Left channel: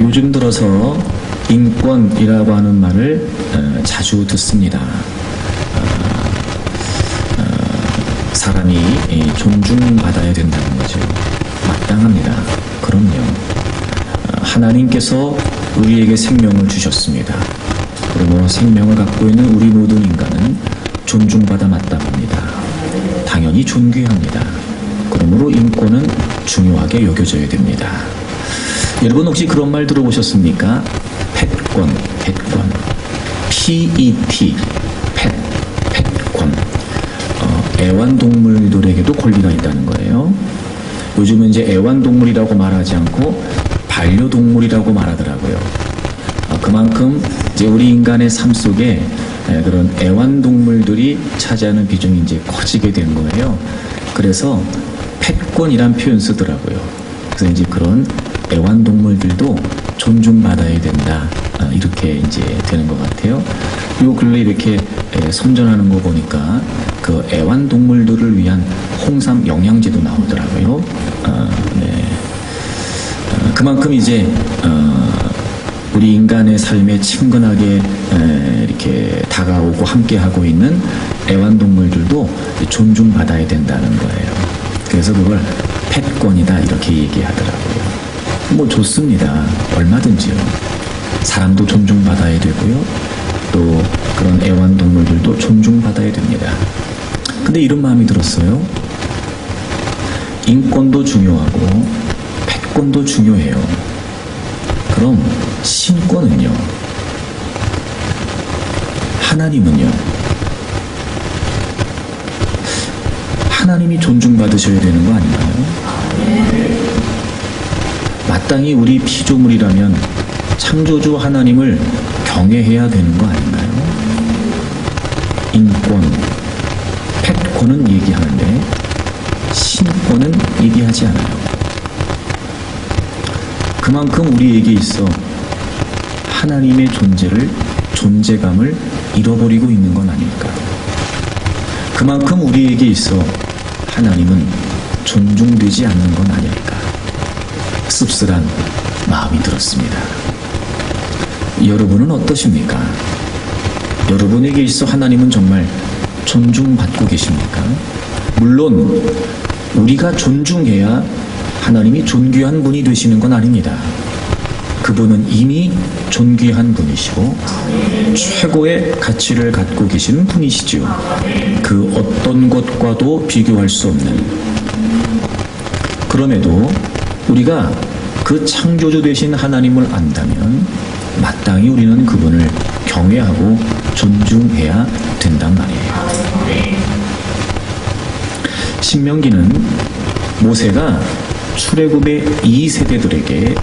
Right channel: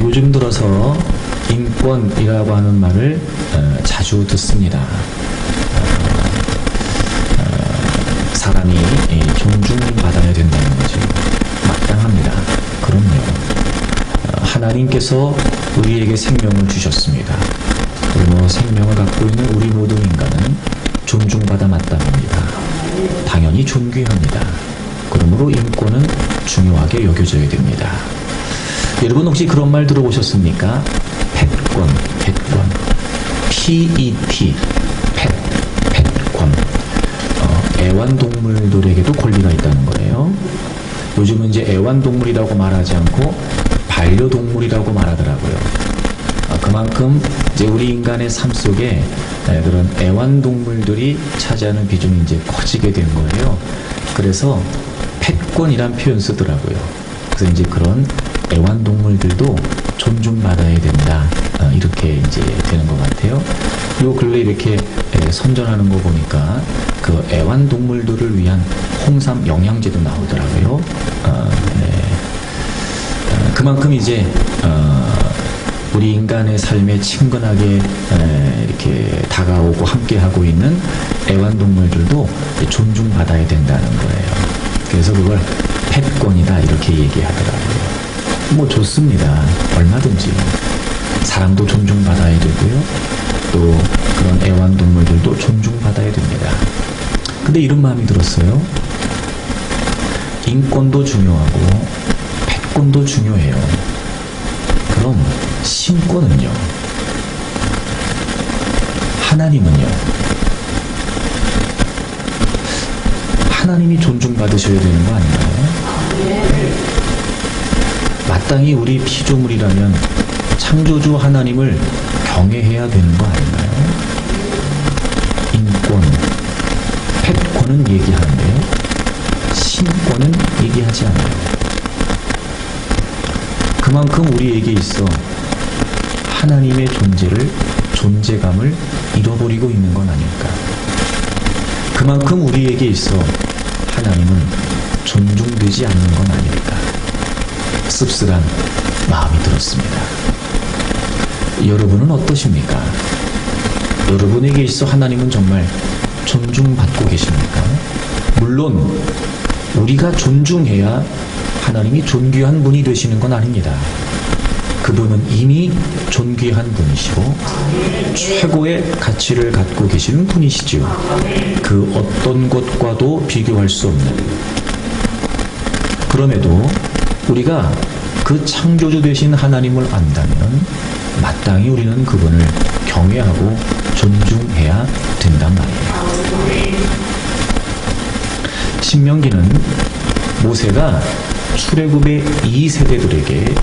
요즘 들어서 인권이라고 하는 말을 자주 듣습니다. 사람이 존중받아야 된다는 거죠. 마땅합니다. 그럼요. 하나님께서 우리에게 생명을 주셨습니다. 그러므로 생명을 갖고 있는 우리 모든 인간은 존중받아 마땅합니다. 당연히 존귀합니다. 그러므로 인권은 중요하게 여겨져야 됩니다. 여러분 혹시 그런 말 들어보셨습니까? 펫권. PET, 펫권. 애완동물들에게도 권리가 있다는 거예요. 요즘은 이제 애완동물이라고 말하지 않고 반려동물이라고 말하더라고요. 그만큼 이제 우리 인간의 삶 속에 그런 애완동물들이 차지하는 비중이 이제 커지게 된 거예요. 그래서 펫권이란 표현 쓰더라고요. 그래서 이제 그런 애완동물들도 존중받아야 된다. 이렇게 이제 되는 것 같아요. 요 근래 이렇게 선전하는 거 보니까 그 애완동물들을 위한 홍삼 영양제도 나오더라고요. 네. 그만큼 이제 우리 인간의 삶에 친근하게 이렇게 다가오고 함께하고 있는 애완동물들도 존중받아야 된다는 거예요. 그래서 그걸 펫권이다 이렇게 얘기하더라고요. 뭐 좋습니다. 얼마든지요. 사람도 존중받아야 되고요. 또 그런 애완동물들도 존중받아야 됩니다. 근데 이런 마음이 들었어요. 인권도 중요하고 펫권도 중요해요. 그럼 신권은요? 하나님은요? 하나님이 존중받으셔야 되는 거 아닌가요? 마땅히 우리 피조물이라면 창조주 하나님을 경외해야 되는 거 아닌가요? 인권, 펫권은 얘기하는데 신권은 얘기하지 않아요. 그만큼 우리에게 있어 하나님의 존재감을 잃어버리고 있는 건 아닐까. 그만큼 우리에게 있어 하나님은 존중되지 않는 건 아닐까. 씁쓸한 마음이 들었습니다. 여러분은 어떠십니까? 여러분에게 있어 하나님은 정말 존중받고 계십니까? 물론 우리가 존중해야 하나님이 존귀한 분이 되시는 건 아닙니다. 그분은 이미 존귀한 분이시고 최고의 가치를 갖고 계시는 분이시지요. 그 어떤 것과도 비교할 수 없는. 그럼에도 우리가 그 창조주 되신 하나님을 안다면 마땅히 우리는 그분을 경외하고 존중해야 된단 말이에요. 신명기는 모세가 출애굽의 2세대들에게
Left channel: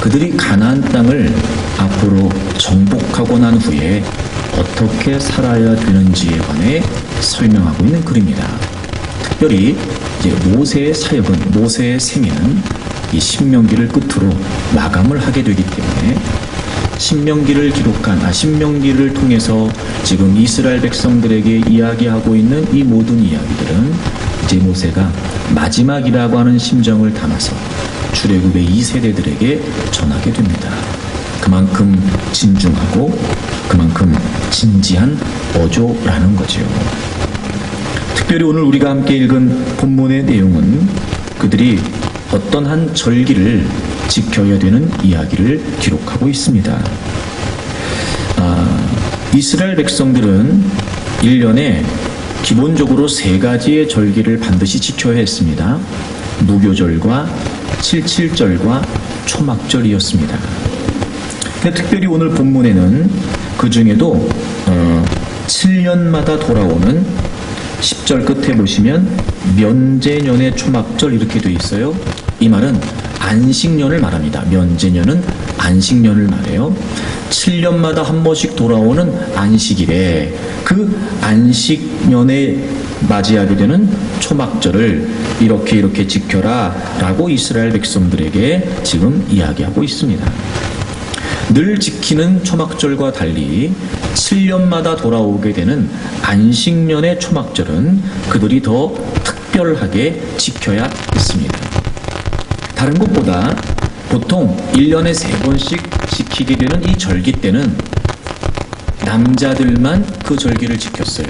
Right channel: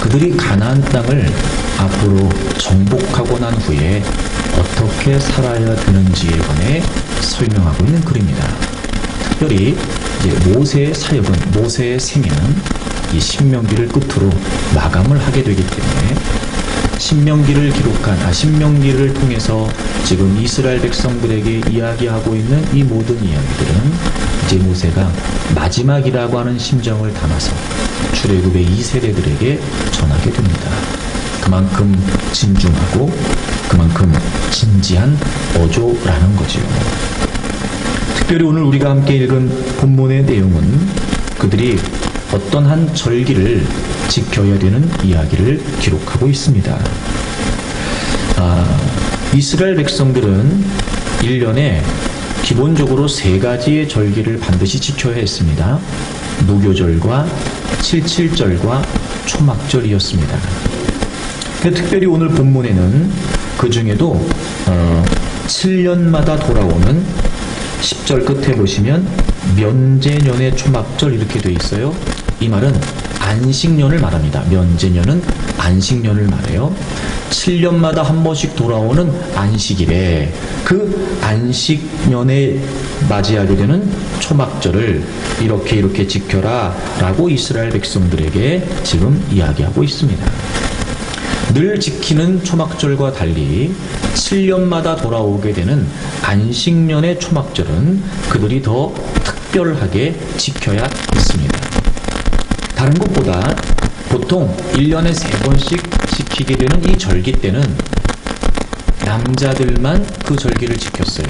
그들이 가나안 땅을 앞으로 정복하고 난 후에 어떻게 살아야 되는지에 관해 설명하고 있는 글입니다. 특별히 이제 모세의 사역은, 모세의 생애는 이 신명기를 끝으로 마감을 하게 되기 때문에 신명기를 통해서 지금 이스라엘 백성들에게 이야기하고 있는 이 모든 이야기들은 이제 모세가 마지막이라고 하는 심정을 담아서 출애굽의 2세대들에게 전하게 됩니다. 그만큼 진중하고 그만큼 진지한 어조라는 거지요. 특별히 오늘 우리가 함께 읽은 본문의 내용은 그들이 어떤 한 절기를 지켜야 되는 이야기를 기록하고 있습니다. 이스라엘 백성들은 1년에 기본적으로 3가지의 절기를 반드시 지켜야 했습니다. 무교절과 칠칠절과 초막절이었습니다. 특별히 오늘 본문에는 그 중에도 7년마다 돌아오는 10절 끝에 보시면 면제년의 초막절 이렇게 되어 있어요. 이 말은 안식년을 말합니다. 면제년은 안식년을 말해요. 7년마다 한 번씩 돌아오는 안식일에 그 안식년에 맞이하게 되는 초막절을 이렇게 지켜라 라고 이스라엘 백성들에게 지금 이야기하고 있습니다. 늘 지키는 초막절과 달리 7년마다 돌아오게 되는 안식년의 초막절은 그들이 더 특별하게 지켜야 했습니다. 다른 것보다 보통 1년에 3번씩 지키게 되는 이 절기 때는 남자들만 그 절기를 지켰어요.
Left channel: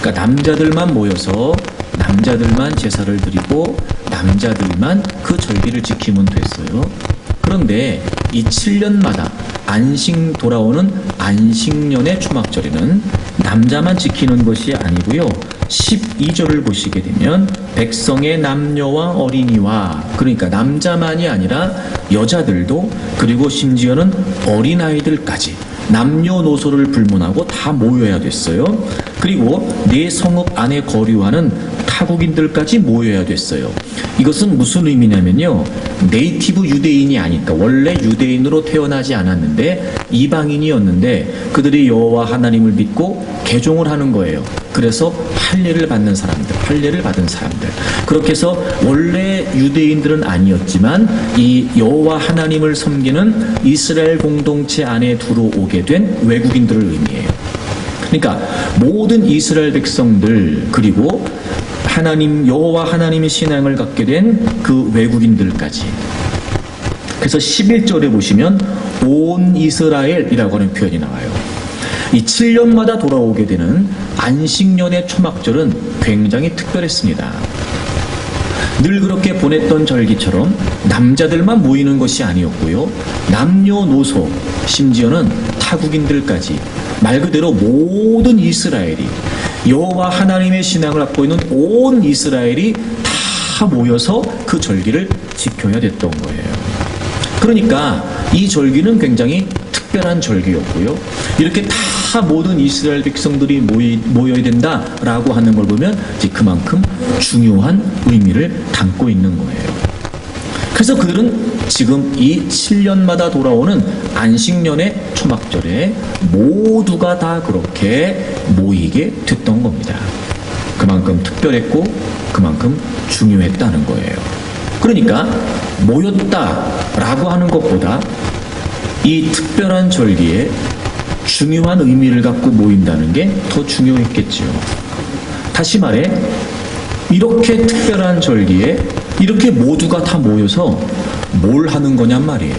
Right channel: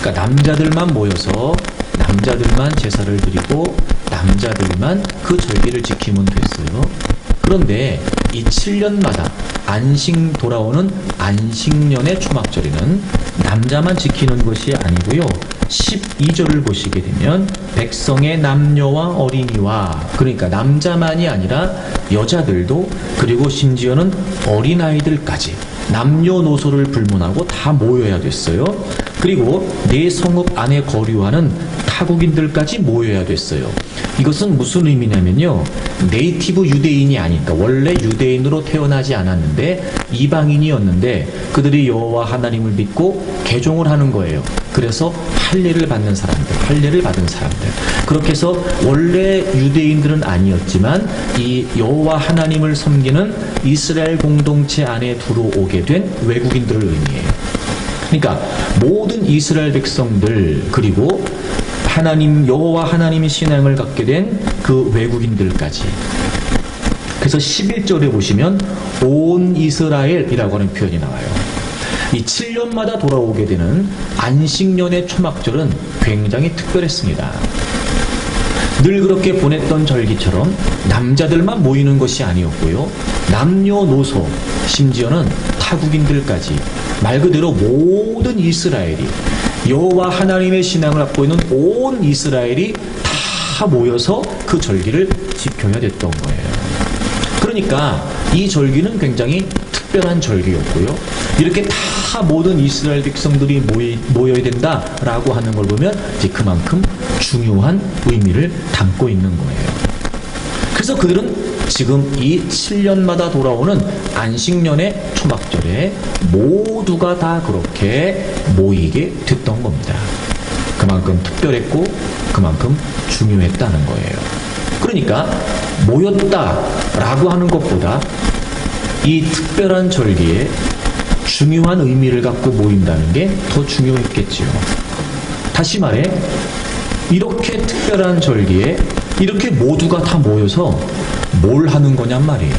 그러니까 남자들만 모여서 남자들만 제사를 드리고 남자들만 그 절기를 지키면 됐어요. 그런데 이 7년마다 안식 돌아오는 안식년의 초막절에는 남자만 지키는 것이 아니고요. 12절을 보시게 되면 백성의 남녀와 어린이와, 그러니까 남자만이 아니라 여자들도, 그리고 심지어는 어린아이들까지 남녀노소를 불문하고 다 모여야 됐어요. 그리고 내 성읍 안에 거류하는 타국인들까지 모여야 됐어요. 이것은 무슨 의미냐면요, 네이티브 유대인이 아니니까, 원래 유대인으로 태어나지 않았는데 이방인이었는데 그들이 여호와 하나님을 믿고 개종을 하는 거예요. 그래서 할례를 받는 사람들, 할례를 받은 사람들, 그렇게 해서 원래 유대인들은 아니었지만 이 여호와 하나님을 섬기는 이스라엘 공동체 안에 들어오게 된 외국인들을 의미해요. 그러니까 모든 이스라엘 백성들, 그리고 하나님, 여호와 하나님의 신앙을 갖게 된 그 외국인들까지. 그래서 11절에 보시면 온 이스라엘이라고 하는 표현이 나와요. 이 7년마다 돌아오게 되는 안식년의 초막절은 굉장히 특별했습니다. 늘 그렇게 보냈던 절기처럼 남자들만 모이는 것이 아니었고요, 남녀노소, 심지어는 타국인들까지, 말 그대로 모든 이스라엘이, 여호와 하나님의 신앙을 갖고 있는 온 이스라엘이 다 모여서 그 절기를 지켜야 됐던 거예요. 그러니까 이 절기는 굉장히 특별한 절기였고요, 이렇게 다 모든 이스라엘 백성들이 모여야 된다라고 하는 걸 보면 이제 그만큼 중요한 의미를 담고 있는 거예요. 그래서 그들은 지금 이 7년마다 돌아오는 안식년의 초막절에 모두가 다 그렇게 모이게 됐던 겁니다. 그만큼 특별했고 그만큼 중요했다는 거예요. 그러니까 모였다라고 하는 것보다 이 특별한 절기에 중요한 의미를 갖고 모인다는 게 더 중요했겠지요. 다시 말해, 이렇게 특별한 절기에 이렇게 모두가 다 모여서 뭘 하는 거냔 말이에요.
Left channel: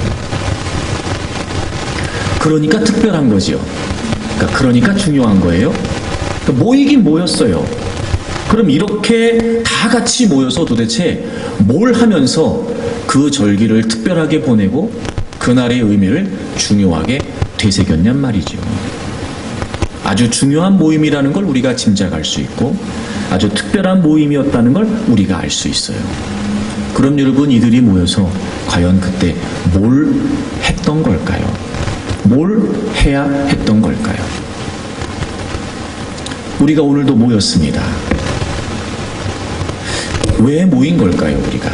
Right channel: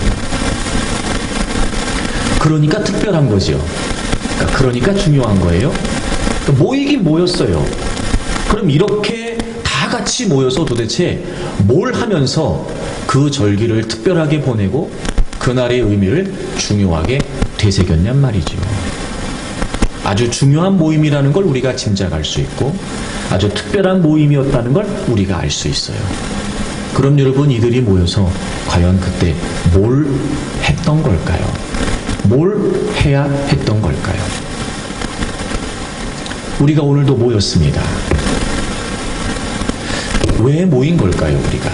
그러니까 특별한 거죠. 그러니까 중요한 거예요. 그러니까 모이긴 모였어요. 그럼 이렇게 다 같이 모여서 도대체 뭘 하면서 그 절기를 특별하게 보내고 그날의 의미를 중요하게 되새겼냔 말이죠. 아주 중요한 모임이라는 걸 우리가 짐작할 수 있고 아주 특별한 모임이었다는 걸 우리가 알 수 있어요. 그럼 여러분, 이들이 모여서 과연 그때 뭘 했던 걸까요? 뭘 해야 했던 걸까요? 우리가 오늘도 모였습니다. 왜 모인 걸까요, 우리가?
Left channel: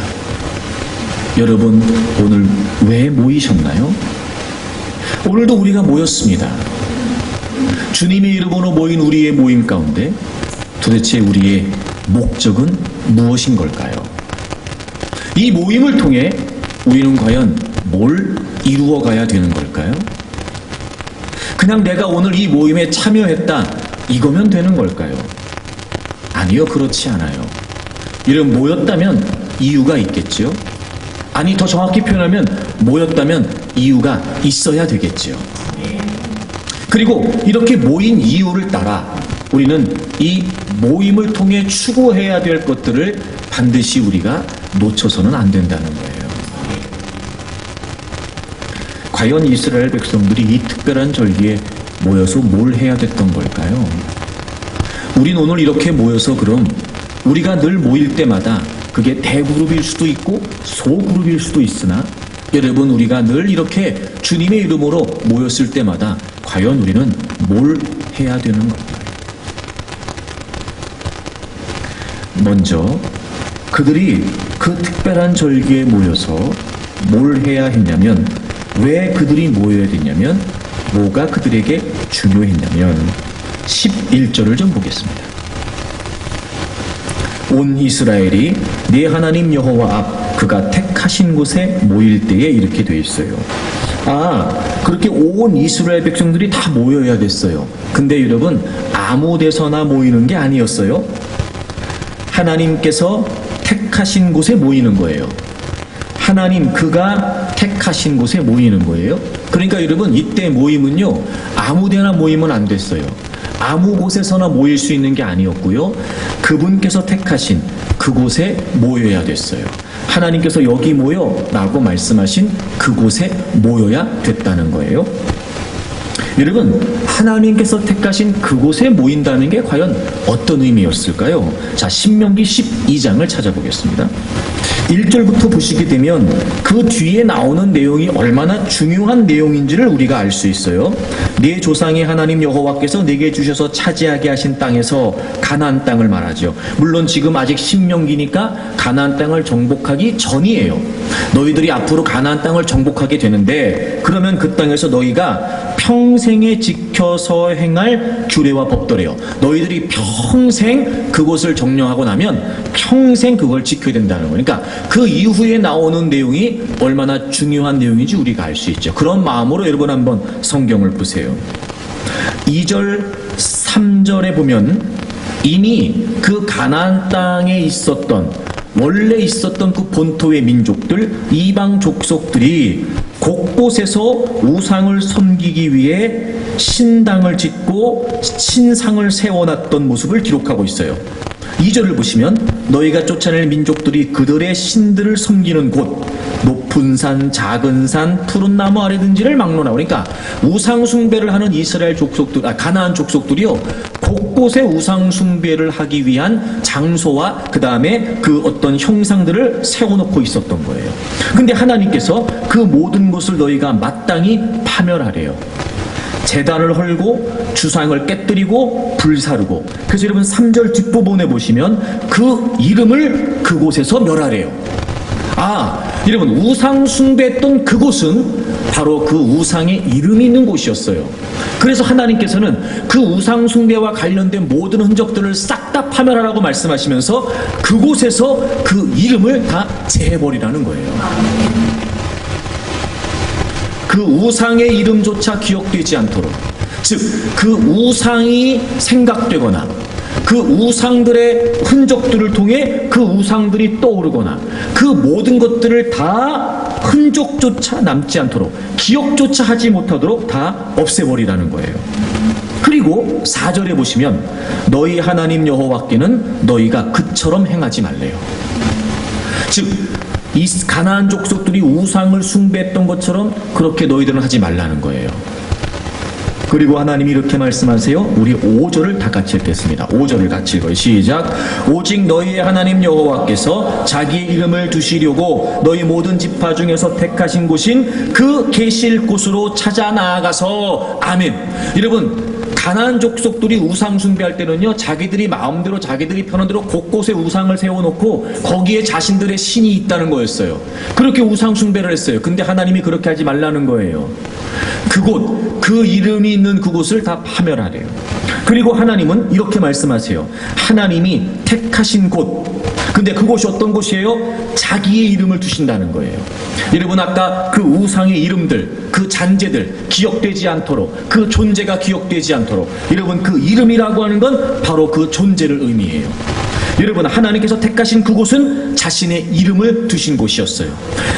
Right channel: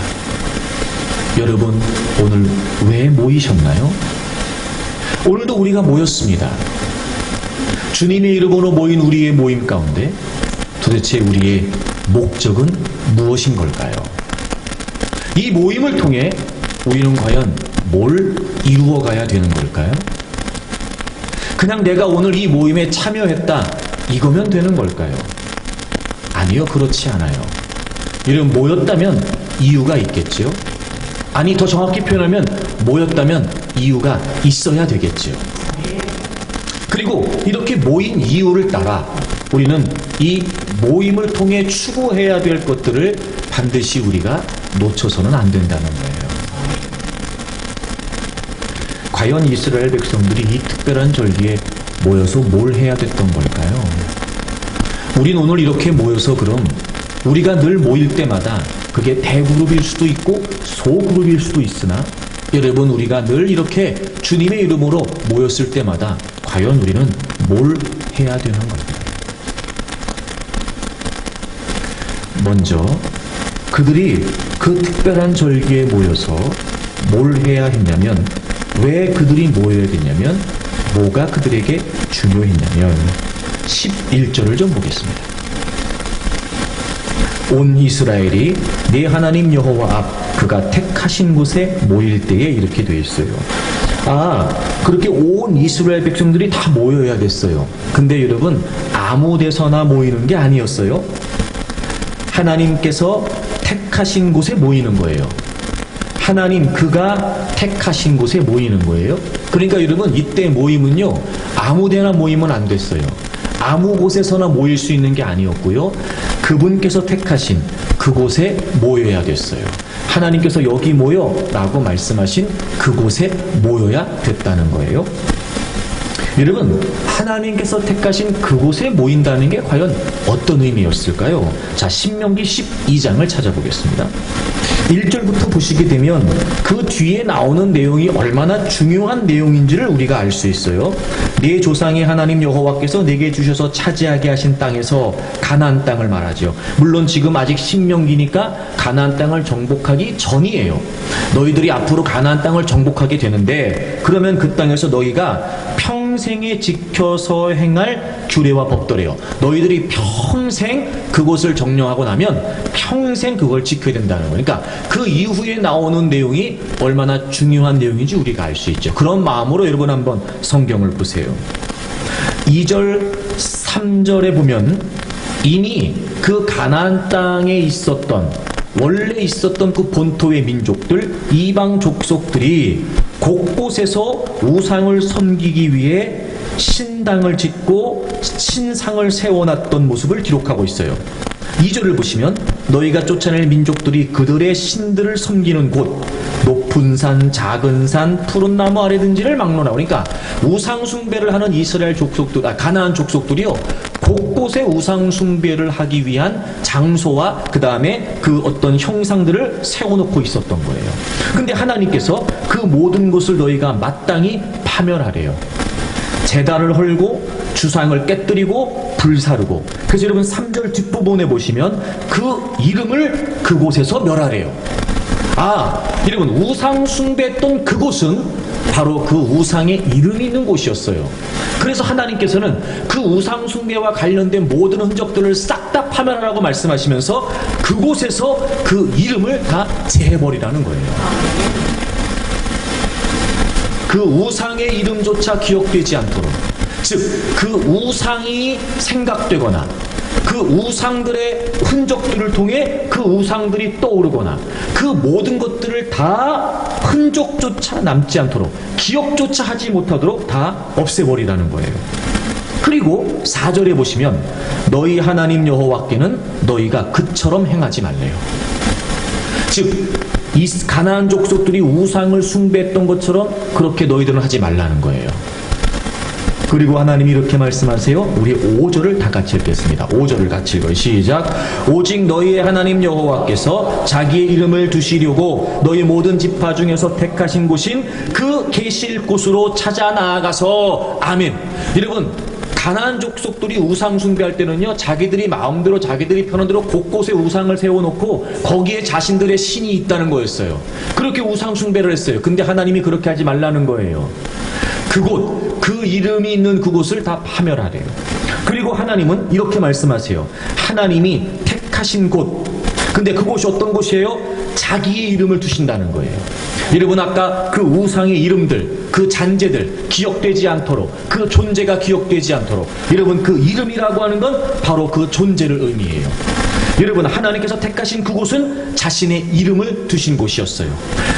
여러분, 오늘 왜 모이셨나요? 오늘도 우리가 모였습니다. 주님의 이름으로 모인 우리의 모임 가운데 도대체 우리의 목적은 무엇인 걸까요? 이 모임을 통해 우리는 과연 뭘 이루어가야 되는 걸까요? 그냥 내가 오늘 이 모임에 참여했다, 이거면 되는 걸까요? 아니요, 그렇지 않아요. 이런 모였다면 이유가 있겠죠? 아니, 더 정확히 표현하면 모였다면 이유가 있어야 되겠죠. 그리고 이렇게 모인 이유를 따라 우리는 이 모임을 통해 추구해야 될 것들을 반드시 우리가 놓쳐서는 안 된다는 거예요. 과연 이스라엘 백성들이 이 특별한 절기에 모여서 뭘 해야 됐던 걸까요? 우린 오늘 이렇게 모여서 그럼 우리가 늘 모일 때마다 그게 대그룹일 수도 있고 소그룹일 수도 있으나, 여러분, 우리가 늘 이렇게 주님의 이름으로 모였을 때마다 과연 우리는 뭘 해야 되는 걸까요? 먼저 그들이 그 특별한 절기에 모여서 뭘 해야 했냐면, 왜 그들이 모여야 됐냐면, 뭐가 그들에게 중요했냐면 11절을 좀 보겠습니다. 온 이스라엘이 네 하나님 여호와 앞 그가 택하신 곳에 모일 때에 이렇게 돼 있어요. 그렇게 온 이스라엘 백성들이 다 모여야 됐어요. 근데 여러분, 아무 데서나 모이는 게 아니었어요. 하나님께서 택하신 곳에 모이는 거예요. 하나님 그가 택하신 곳에 모이는 거예요. 그러니까 여러분 이때 모임은요 아무데나 모이면 안 됐어요. 아무 곳에서나 모일 수 있는 게 아니었고요. 그분께서 택하신 그곳에 모여야 됐어요. 하나님께서 여기 모여 라고 말씀하신 그곳에 모여야 됐다는 거예요. 여러분 하나님께서 택하신 그곳에 모인다는 게 과연 어떤 의미였을까요? 자, 신명기 12장을 찾아보겠습니다. 1절부터 보시게 되면 그 뒤에 나오는 내용이 얼마나 중요한 내용인지를 우리가 알 수 있어요. 네 조상의 하나님 여호와께서 내게 주셔서 차지하게 하신 땅에서 가나안 땅을 말하죠. 물론 지금 아직 신명기니까 가나안 땅을 정복하기 전이에요. 너희들이 앞으로 가나안 땅을 정복하게 되는데 그러면 그 땅에서 너희가 평생에 지켜서 행할 규례와 법도래요. 너희들이 평생 그곳을 정령하고 나면 평생 그걸 지켜야 된다는 거예요. 그러니까 그 이후에 나오는 내용이 얼마나 중요한 내용인지 우리가 알 수 있죠. 그런 마음으로 여러분 한번 성경을 보세요. 2절, 3절에 보면 이미 그 가나안 땅에 있었던 원래 있었던 그 본토의 민족들, 이방 족속들이 곳곳에서 우상을 섬기기 위해 신당을 짓고 신상을 세워놨던 모습을 기록하고 있어요. 2절을 보시면 너희가 쫓아낼 민족들이 그들의 신들을 섬기는 곳, 높은 산, 작은 산, 푸른 나무 아래든지를 막론하고, 그러니까 우상 숭배를 하는 이스라엘 족속들, 가나안 족속들이요 곳곳에 우상 숭배를 하기 위한 장소와 그 다음에 그 어떤 형상들을 세워놓고 있었던 거예요. 근데 하나님께서 그 모든 것을 너희가 마땅히 파멸하래요. 제단을 헐고 주상을 깨뜨리고 불사르고. 그래서 여러분 3절 뒷부분에 보시면 그 이름을 그곳에서 멸하래요. 여러분 우상 숭배했던 그곳은 바로 그 우상의 이름이 있는 곳이었어요. 그래서 하나님께서는 그 우상 숭배와 관련된 모든 흔적들을 싹 다 파멸하라고 말씀하시면서 그곳에서 그 이름을 다 제해버리라는 거예요. 그 우상의 이름조차 기억되지 않도록, 즉 그 우상이 생각되거나 그 우상들의 흔적들을 통해 그 우상들이 떠오르거나 그 모든 것들을 다 흔적조차 남지 않도록, 기억조차 하지 못하도록 다 없애버리라는 거예요. 그리고 4절에 보시면 너희 하나님 여호와께는 너희가 그처럼 행하지 말래요. 즉 이 가나안 족속들이 우상을 숭배했던 것처럼 그렇게 너희들은 하지 말라는 거예요. 그리고 하나님이 이렇게 말씀하세요. 우리 5절을 다 같이 읽겠습니다. 5절을 같이 읽어요. 시작. 오직 너희의 하나님 여호와께서 자기의 이름을 두시려고 너희 모든 지파 중에서 택하신 곳인 그 계실 곳으로 찾아 나아가서. 아멘. 여러분 가나안 족속들이 우상 숭배할 때는요 자기들이 마음대로 자기들이 편한 대로 곳곳에 우상을 세워놓고 거기에 자신들의 신이 있다는 거였어요. 그렇게 우상 숭배를 했어요. 근데 하나님이 그렇게 하지 말라는 거예요. 그곳, 그 이름이 있는 그곳을 다 파멸하래요. 그리고 하나님은 이렇게 말씀하세요. 하나님이 택하신 곳, 근데 그곳이 어떤 곳이에요? 자기의 이름을 두신다는 거예요. 여러분 아까 그 우상의 이름들, 그 잔재들 기억되지 않도록, 그 존재가 기억되지 않도록, 여러분 그 이름이라고 하는 건 바로 그 존재를 의미해요. 여러분 하나님께서 택하신 그곳은 자신의 이름을 두신 곳이었어요.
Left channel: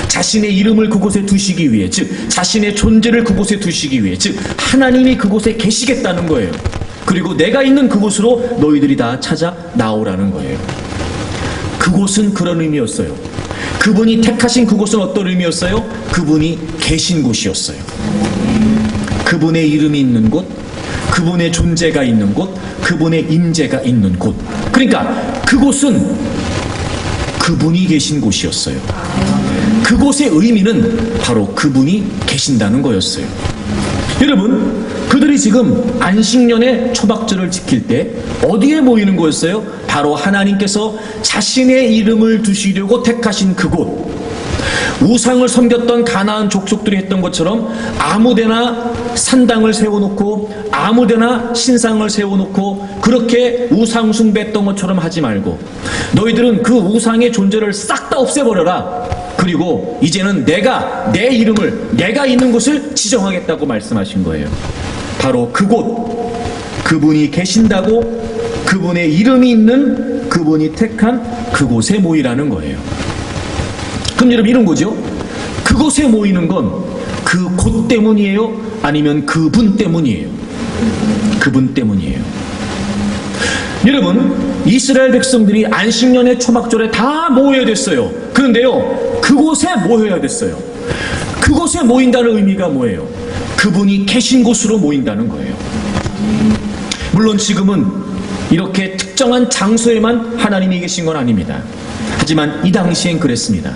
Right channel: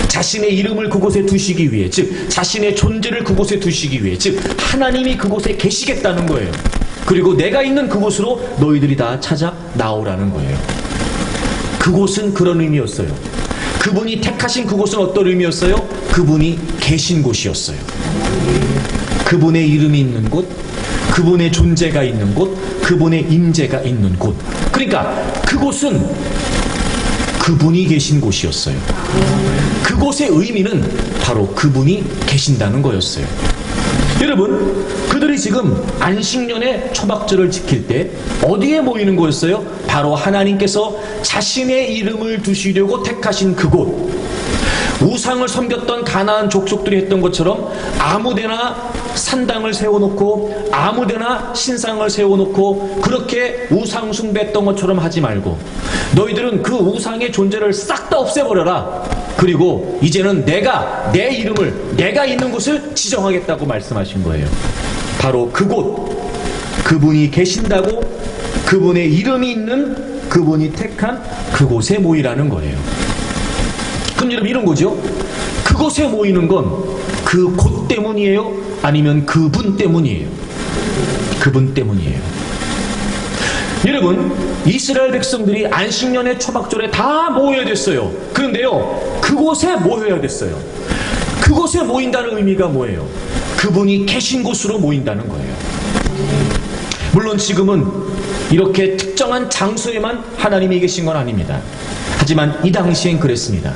자신의 이름을 그곳에 두시기 위해, 즉 자신의 존재를 그곳에 두시기 위해, 즉 하나님이 그곳에 계시겠다는 거예요. 그리고 내가 있는 그곳으로 너희들이 다 찾아 나오라는 거예요. 그곳은 그런 의미였어요. 그분이 택하신 그곳은 어떤 의미였어요? 그분이 계신 곳이었어요. 그분의 이름이 있는 곳, 그분의 존재가 있는 곳, 그분의 임재가 있는 곳. 그러니까 그곳은 그분이 계신 곳이었어요. 그곳의 의미는 바로 그분이 계신다는 거였어요. 여러분 그들이 지금 안식년의 초막절을 지킬 때 어디에 모이는 거였어요? 바로 하나님께서 자신의 이름을 두시려고 택하신 그곳. 우상을 섬겼던 가나안 족속들이 했던 것처럼 아무데나 산당을 세워놓고 아무데나 신상을 세워놓고 그렇게 우상 숭배했던 것처럼 하지 말고 너희들은 그 우상의 존재를 싹 다 없애버려라. 그리고 이제는 내가 내 이름을 내가 있는 곳을 지정하겠다고 말씀하신 거예요. 바로 그곳, 그분이 계신다고 그분의 이름이 있는 그분이 택한 그곳에 모이라는 거예요. 그럼 여러분 이런 거죠. 그곳에 모이는 건 그 곳 때문이에요? 아니면 그분 때문이에요? 그분 때문이에요. 여러분, 이스라엘 백성들이 안식년의 초막절에 다 모여야 됐어요. 그런데요, 그곳에 모여야 됐어요. 그곳에 모인다는 의미가 뭐예요? 그분이 계신 곳으로 모인다는 거예요. 물론 지금은 이렇게 특정한 장소에만 하나님이 계신 건 아닙니다. 하지만 이 당시엔 그랬습니다.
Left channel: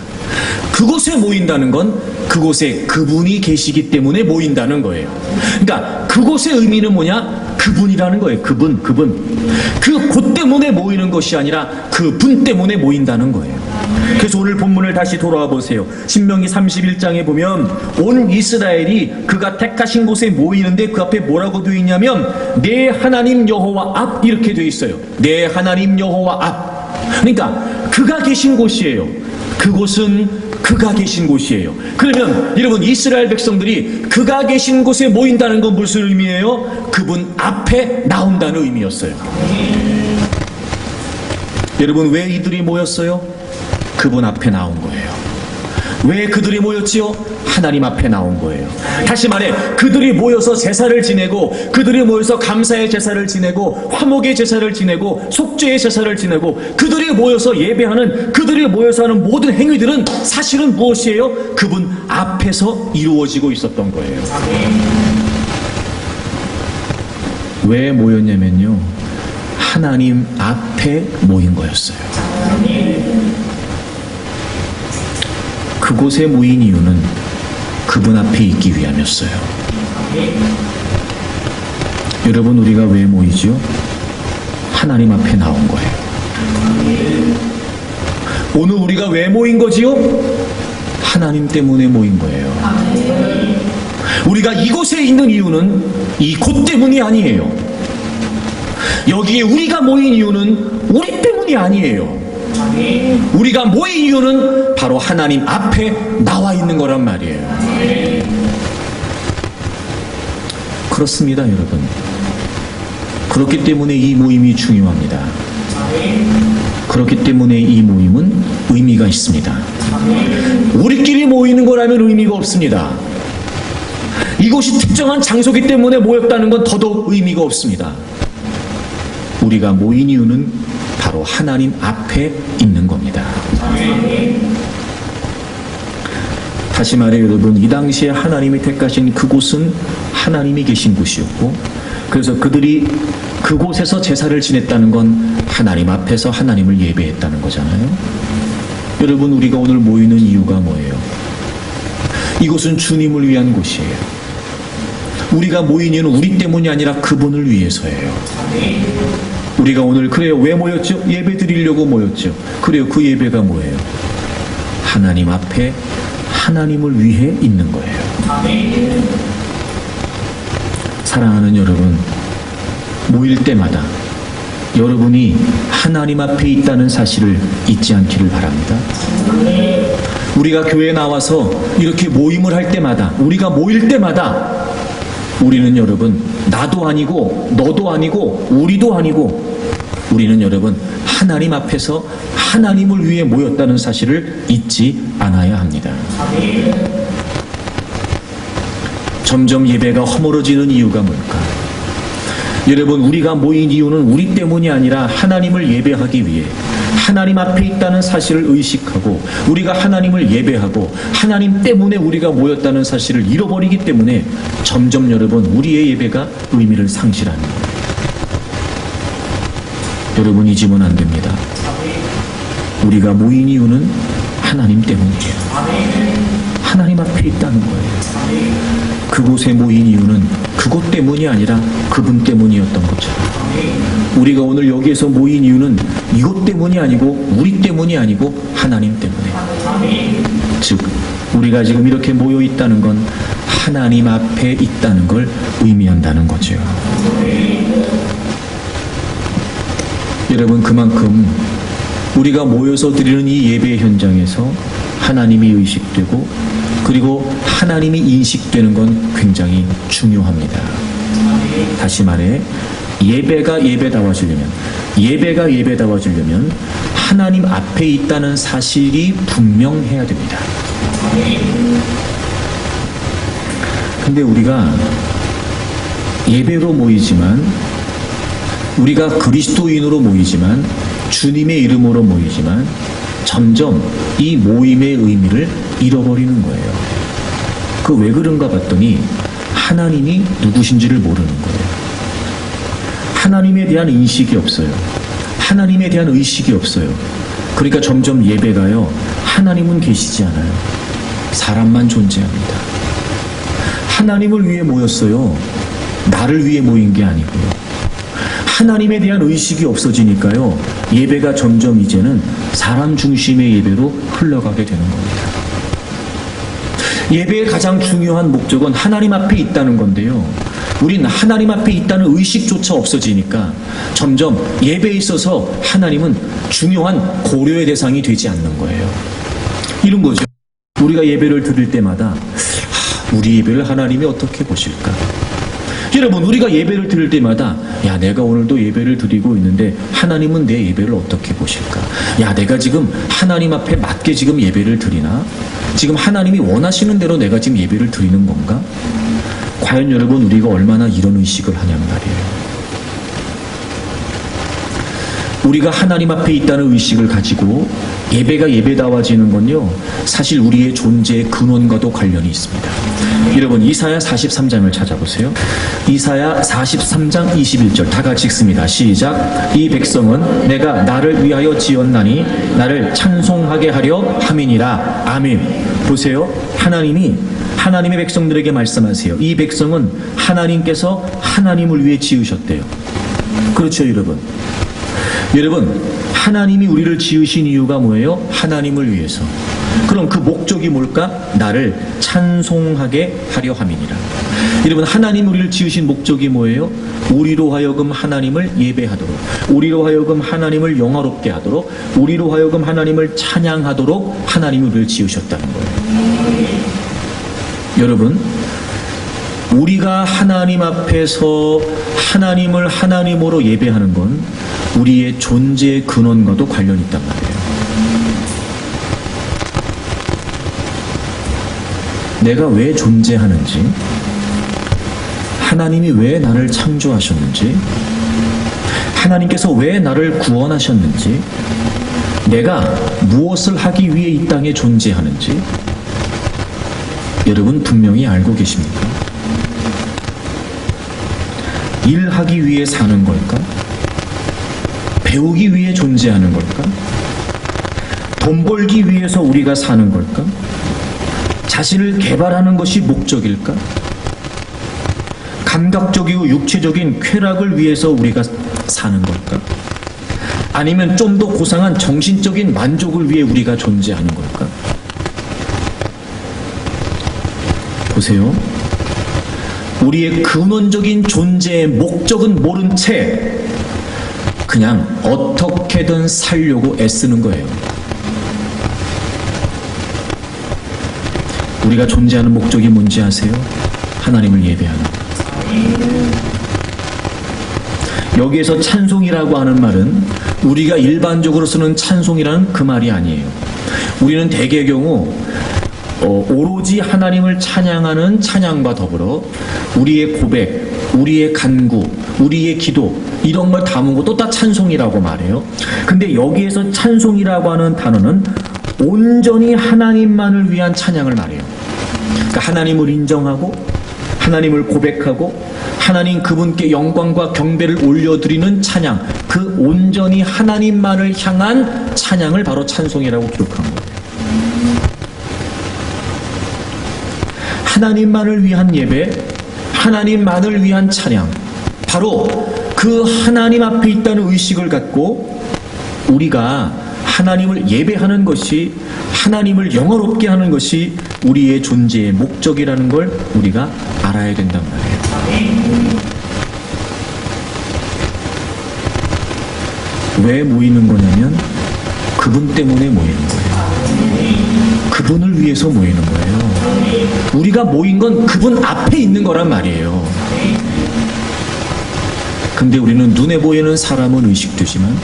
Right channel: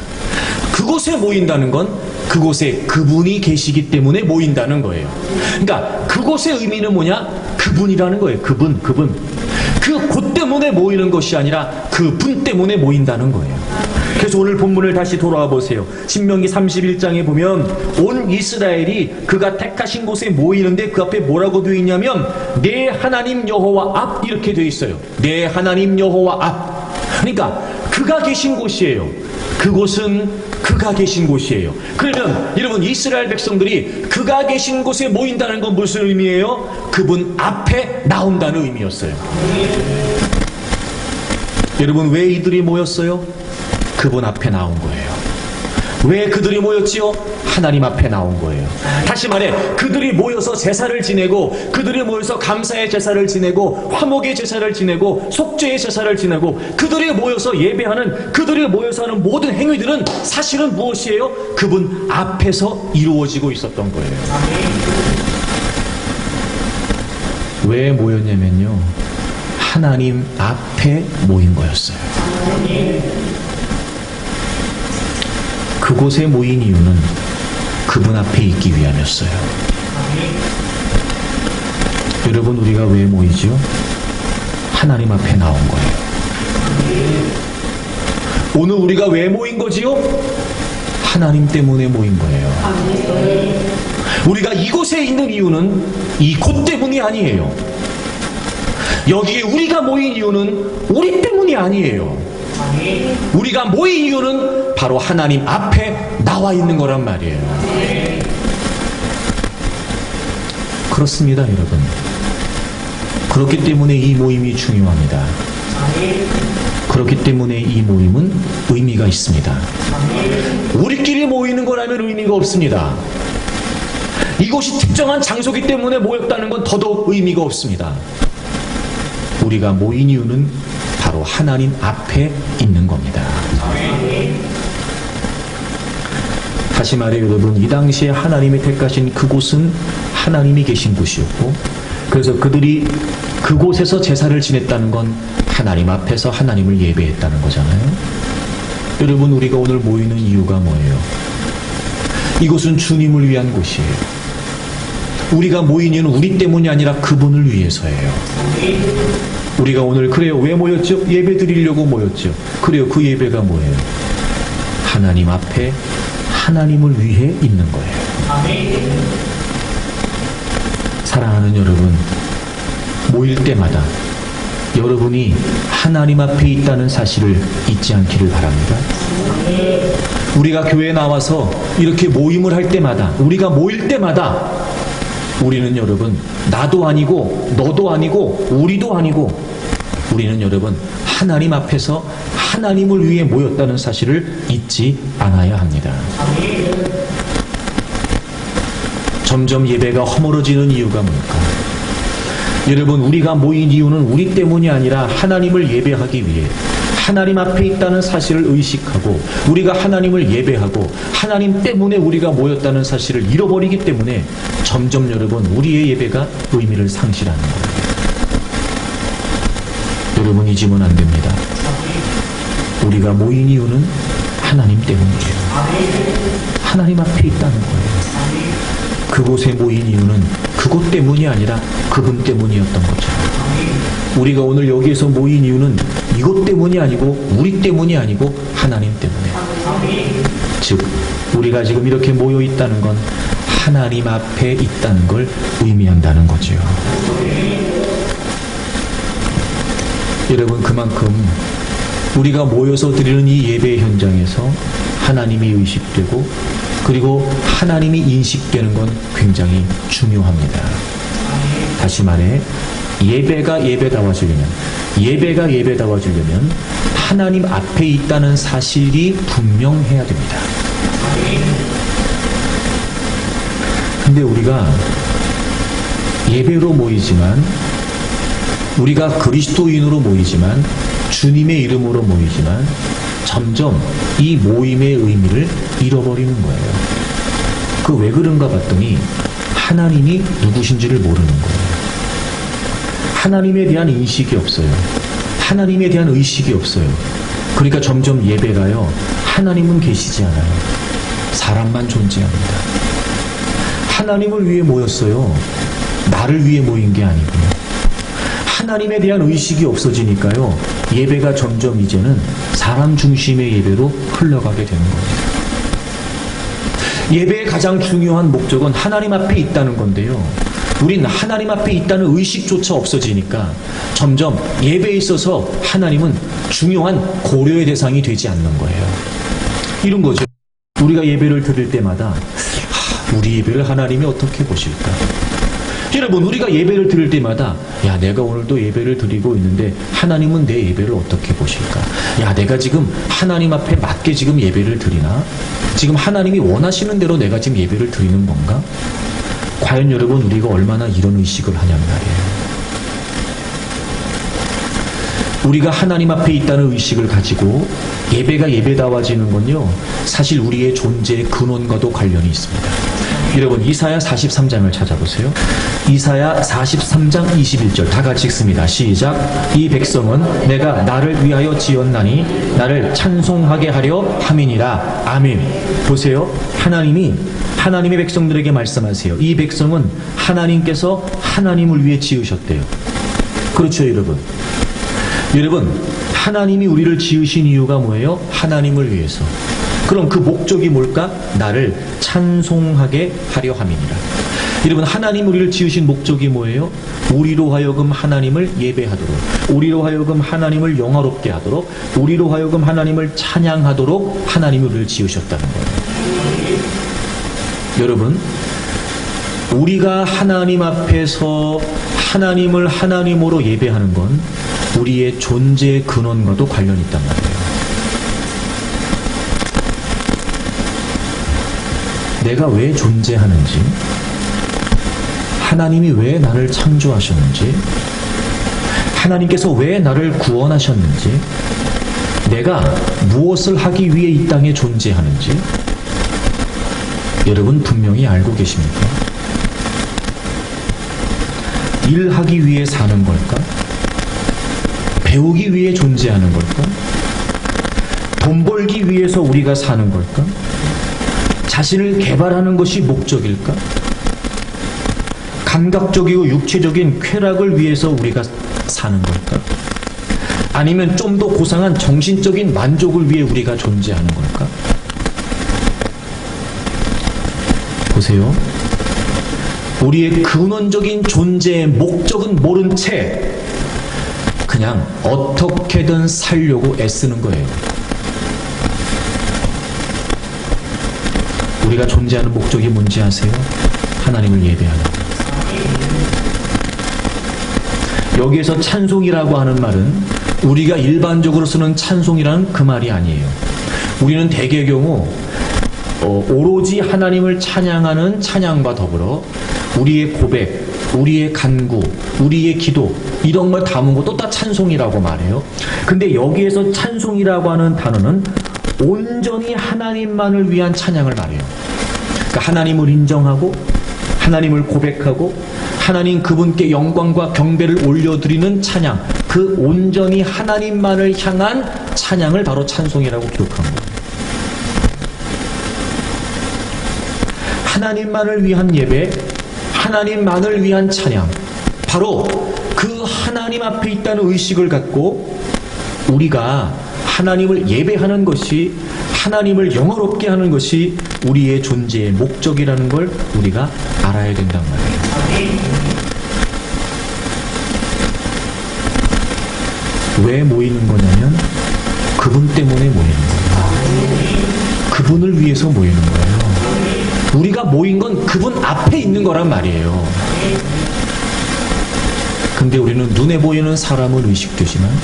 그곳에 모인다는 건 그곳에 그분이 계시기 때문에 모인다는 거예요. 그러니까 그곳의 의미는 뭐냐? 그분이라는 거예요. 그분. 그 곳 때문에 모이는 것이 아니라 그분 때문에 모인다는 거예요. 그래서 오늘 본문을 다시 돌아와 보세요. 신명기 31장에 보면 온 이스라엘이 그가 택하신 곳에 모이는데 그 앞에 뭐라고 되어 있냐면 내 하나님 여호와 앞 이렇게 되어 있어요. 내 하나님 여호와 앞. 그러니까 그가 계신 곳이에요. 그곳은 그가 계신 곳이에요. 그러면 여러분 이스라엘 백성들이 그가 계신 곳에 모인다는 건 무슨 의미예요? 그분 앞에 나온다는 의미였어요. 여러분 왜 이들이 모였어요? 그분 앞에 나온 거예요. 왜 그들이 모였지요? 하나님 앞에 나온 거예요. 다시 말해 그들이 모여서 제사를 지내고 그들이 모여서 감사의 제사를 지내고 화목의 제사를 지내고 속죄의 제사를 지내고 그들이 모여서 예배하는 그들이 모여서 하는 모든 행위들은 사실은 무엇이에요? 그분 앞에서 이루어지고 있었던 거예요. 왜 모였냐면요, 하나님 앞에 모인 거였어요. 그곳에 모인 이유는 그분 앞에 있기 위함이었어요. 여러분 우리가 왜 모이지요? 하나님 앞에 나온 거예요. 오늘 우리가 왜 모인 거지요? 하나님 때문에 모인 거예요. 우리가 이곳에 있는 이유는 이 곳 때문이 아니에요. 여기에 우리가 모인 이유는 우리 때문이 아니에요. 우리가 모인 이유는 바로 하나님 앞에 나와 있는 거란 말이에요. 그렇습니다, 여러분. 그렇기 때문에 이 모임이 중요합니다. 그렇기 때문에 이 모임은 의미가 있습니다. 우리끼리 모이는 거라면 의미가 없습니다. 이곳이 특정한 장소이기 때문에 모였다는 건 더더욱 의미가 없습니다. 우리가 모인 이유는 바로 하나님 앞에 있는 겁니다. 다시 말해 여러분, 이 당시에 하나님이 택하신 그곳은 하나님이 계신 곳이었고, 그래서 그들이 그곳에서 제사를 지냈다는 건 하나님 앞에서 하나님을 예배했다는 거잖아요. 여러분, 우리가 오늘 모이는 이유가 뭐예요? 이곳은 주님을 위한 곳이에요. 우리가 모인 이유는 우리 때문이 아니라 그분을 위해서예요. 우리가 오늘 그래요, 왜 모였죠? 예배 드리려고 모였죠. 그래요, 그 예배가 뭐예요? 하나님 앞에 하나님을 위해 있는 거예요. 사랑하는 여러분, 모일 때마다 여러분이 하나님 앞에 있다는 사실을 잊지 않기를 바랍니다. 우리가 교회에 나와서 이렇게 모임을 할 때마다, 우리가 모일 때마다 우리는 여러분 나도 아니고 너도 아니고 우리도 아니고 우리는 여러분 하나님 앞에서 하나님을 위해 모였다는 사실을 잊지 않아야 합니다. 점점 예배가 허물어지는 이유가 뭘까? 여러분, 우리가 모인 이유는 우리 때문이 아니라 하나님을 예배하기 위해 하나님 앞에 있다는 사실을 의식하고 우리가 하나님을 예배하고 하나님 때문에 우리가 모였다는 사실을 잃어버리기 때문에 점점 여러분 우리의 예배가 의미를 상실하는 거예요. 여러분, 잊으면 안 됩니다. 우리가 모인 이유는 하나님 때문이에요. 하나님 앞에 있다는 거예요. 그곳에 모인 이유는 그곳 때문이 아니라 그분 때문이었던 거죠. 우리가 오늘 여기에서 모인 이유는 이것 때문이 아니고 우리 때문이 아니고 하나님 때문에, 즉 우리가 지금 이렇게 모여 있다는 건 하나님 앞에 있다는 걸 의미한다는 거죠. 여러분, 그만큼 우리가 모여서 드리는 이 예배 현장에서 하나님이 의식되고 그리고 하나님이 인식되는 건 굉장히 중요합니다. 다시 말해 예배가 예배다워지려면 하나님 앞에 있다는 사실이 분명해야 됩니다. 근데 우리가 예배로 모이지만, 우리가 그리스도인으로 모이지만, 주님의 이름으로 모이지만 점점 이 모임의 의미를 잃어버리는 거예요. 그 왜 그런가 봤더니 하나님이 누구신지를 모르는 거예요. 하나님에 대한 인식이 없어요. 하나님에 대한 의식이 없어요. 그러니까 점점 예배가요, 하나님은 계시지 않아요. 사람만 존재합니다. 하나님을 위해 모였어요. 나를 위해 모인 게 아니고요. 하나님에 대한 의식이 없어지니까요, 예배가 점점 이제는 사람 중심의 예배로 흘러가게 되는 겁니다. 예배의 가장 중요한 목적은 하나님 앞에 있다는 건데요, 우린 하나님 앞에 있다는 의식조차 없어지니까 점점 예배에 있어서 하나님은 중요한 고려의 대상이 되지 않는 거예요. 이런 거죠. 우리가 예배를 드릴 때마다 우리 예배를 하나님이 어떻게 보실까? 여러분, 우리가 예배를 드릴 때마다 야, 내가 오늘도 예배를 드리고 있는데 하나님은 내 예배를 어떻게 보실까? 야, 내가 지금 하나님 앞에 맞게 지금 예배를 드리나? 지금 하나님이 원하시는 대로 내가 지금 예배를 드리는 건가? 과연 여러분, 우리가 얼마나 이런 의식을 하냐는 말이에요. 우리가 하나님 앞에 있다는 의식을 가지고 예배가 예배다워지는 건요, 사실 우리의 존재의 근원과도 관련이 있습니다. 여러분, 이사야 43장을 찾아보세요. 이사야 43장 21절 다 같이 읽습니다. 시작. 이 백성은 내가 나를 위하여 지었나니 나를 찬송하게 하려 함이니라. 아멘. 보세요. 하나님이 하나님의 백성들에게 말씀하세요. 이 백성은 하나님께서 하나님을 위해 지으셨대요. 그렇죠, 여러분. 여러분, 하나님이 우리를 지으신 이유가 뭐예요? 하나님을 위해서. 그럼 그 목적이 뭘까? 나를 찬송하게 하려 함이니라. 여러분, 하나님 우리를 지으신 목적이 뭐예요? 우리로 하여금 하나님을 예배하도록, 우리로 하여금 하나님을 영화롭게 하도록, 우리로 하여금 하나님을 찬양하도록 하나님이 우리를 지으셨다는 거예요. 여러분, 우리가 하나님 앞에서 하나님을 하나님으로 예배하는 건 우리의 존재의 근원과도 관련이 있단 말이에요. 내가 왜 존재하는지, 하나님이 왜 나를 창조하셨는지, 하나님께서 왜 나를 구원하셨는지, 내가 무엇을 하기 위해 이 땅에 존재하는지 여러분 분명히 알고 계십니까? 일하기 위해 사는 걸까? 배우기 위해 존재하는 걸까? 돈 벌기 위해서 우리가 사는 걸까? 자신을 개발하는 것이 목적일까? 감각적이고 육체적인 쾌락을 위해서 우리가 사는 걸까? 아니면 좀 더 고상한 정신적인 만족을 위해 우리가 존재하는 걸까? 보세요. 우리의 근원적인 존재의 목적은 모른 채 그냥 어떻게든 살려고 애쓰는 거예요. 우리가 존재하는 목적이 뭔지 아세요? 하나님을 예배하는 것. 여기에서 찬송이라고 하는 말은 우리가 일반적으로 쓰는 찬송이라는 그 말이 아니에요. 우리는 대개 경우 오로지 하나님을 찬양하는 찬양과 더불어 우리의 고백, 우리의 간구, 우리의 기도 이런 걸 담은 것도 다 찬송이라고 말해요. 근데 여기에서 찬송이라고 하는 단어는 온전히 하나님만을 위한 찬양을 말해요. 그러니까 하나님을 인정하고 하나님을 고백하고 하나님 그분께 영광과 경배를 올려드리는 찬양, 그 온전히 하나님만을 향한 찬양을 바로 찬송이라고 기록한 거예요. 하나님만을 위한 예배, 하나님만을 위한 찬양, 바로 그 하나님 앞에 있다는 의식을 갖고 우리가 하나님을 예배하는 것이, 하나님을 영화롭게 하는 것이 우리의 존재의 목적이라는 걸 우리가 알아야 된단 말이에요. 왜 모이는 거냐면 그분 때문에 모이는 거예요. 그분을 위해서 모이는 거예요. 우리가 모인 건 그분 앞에 있는 거란 말이에요. 근데 우리는 눈에 보이는 사람은 의식되지만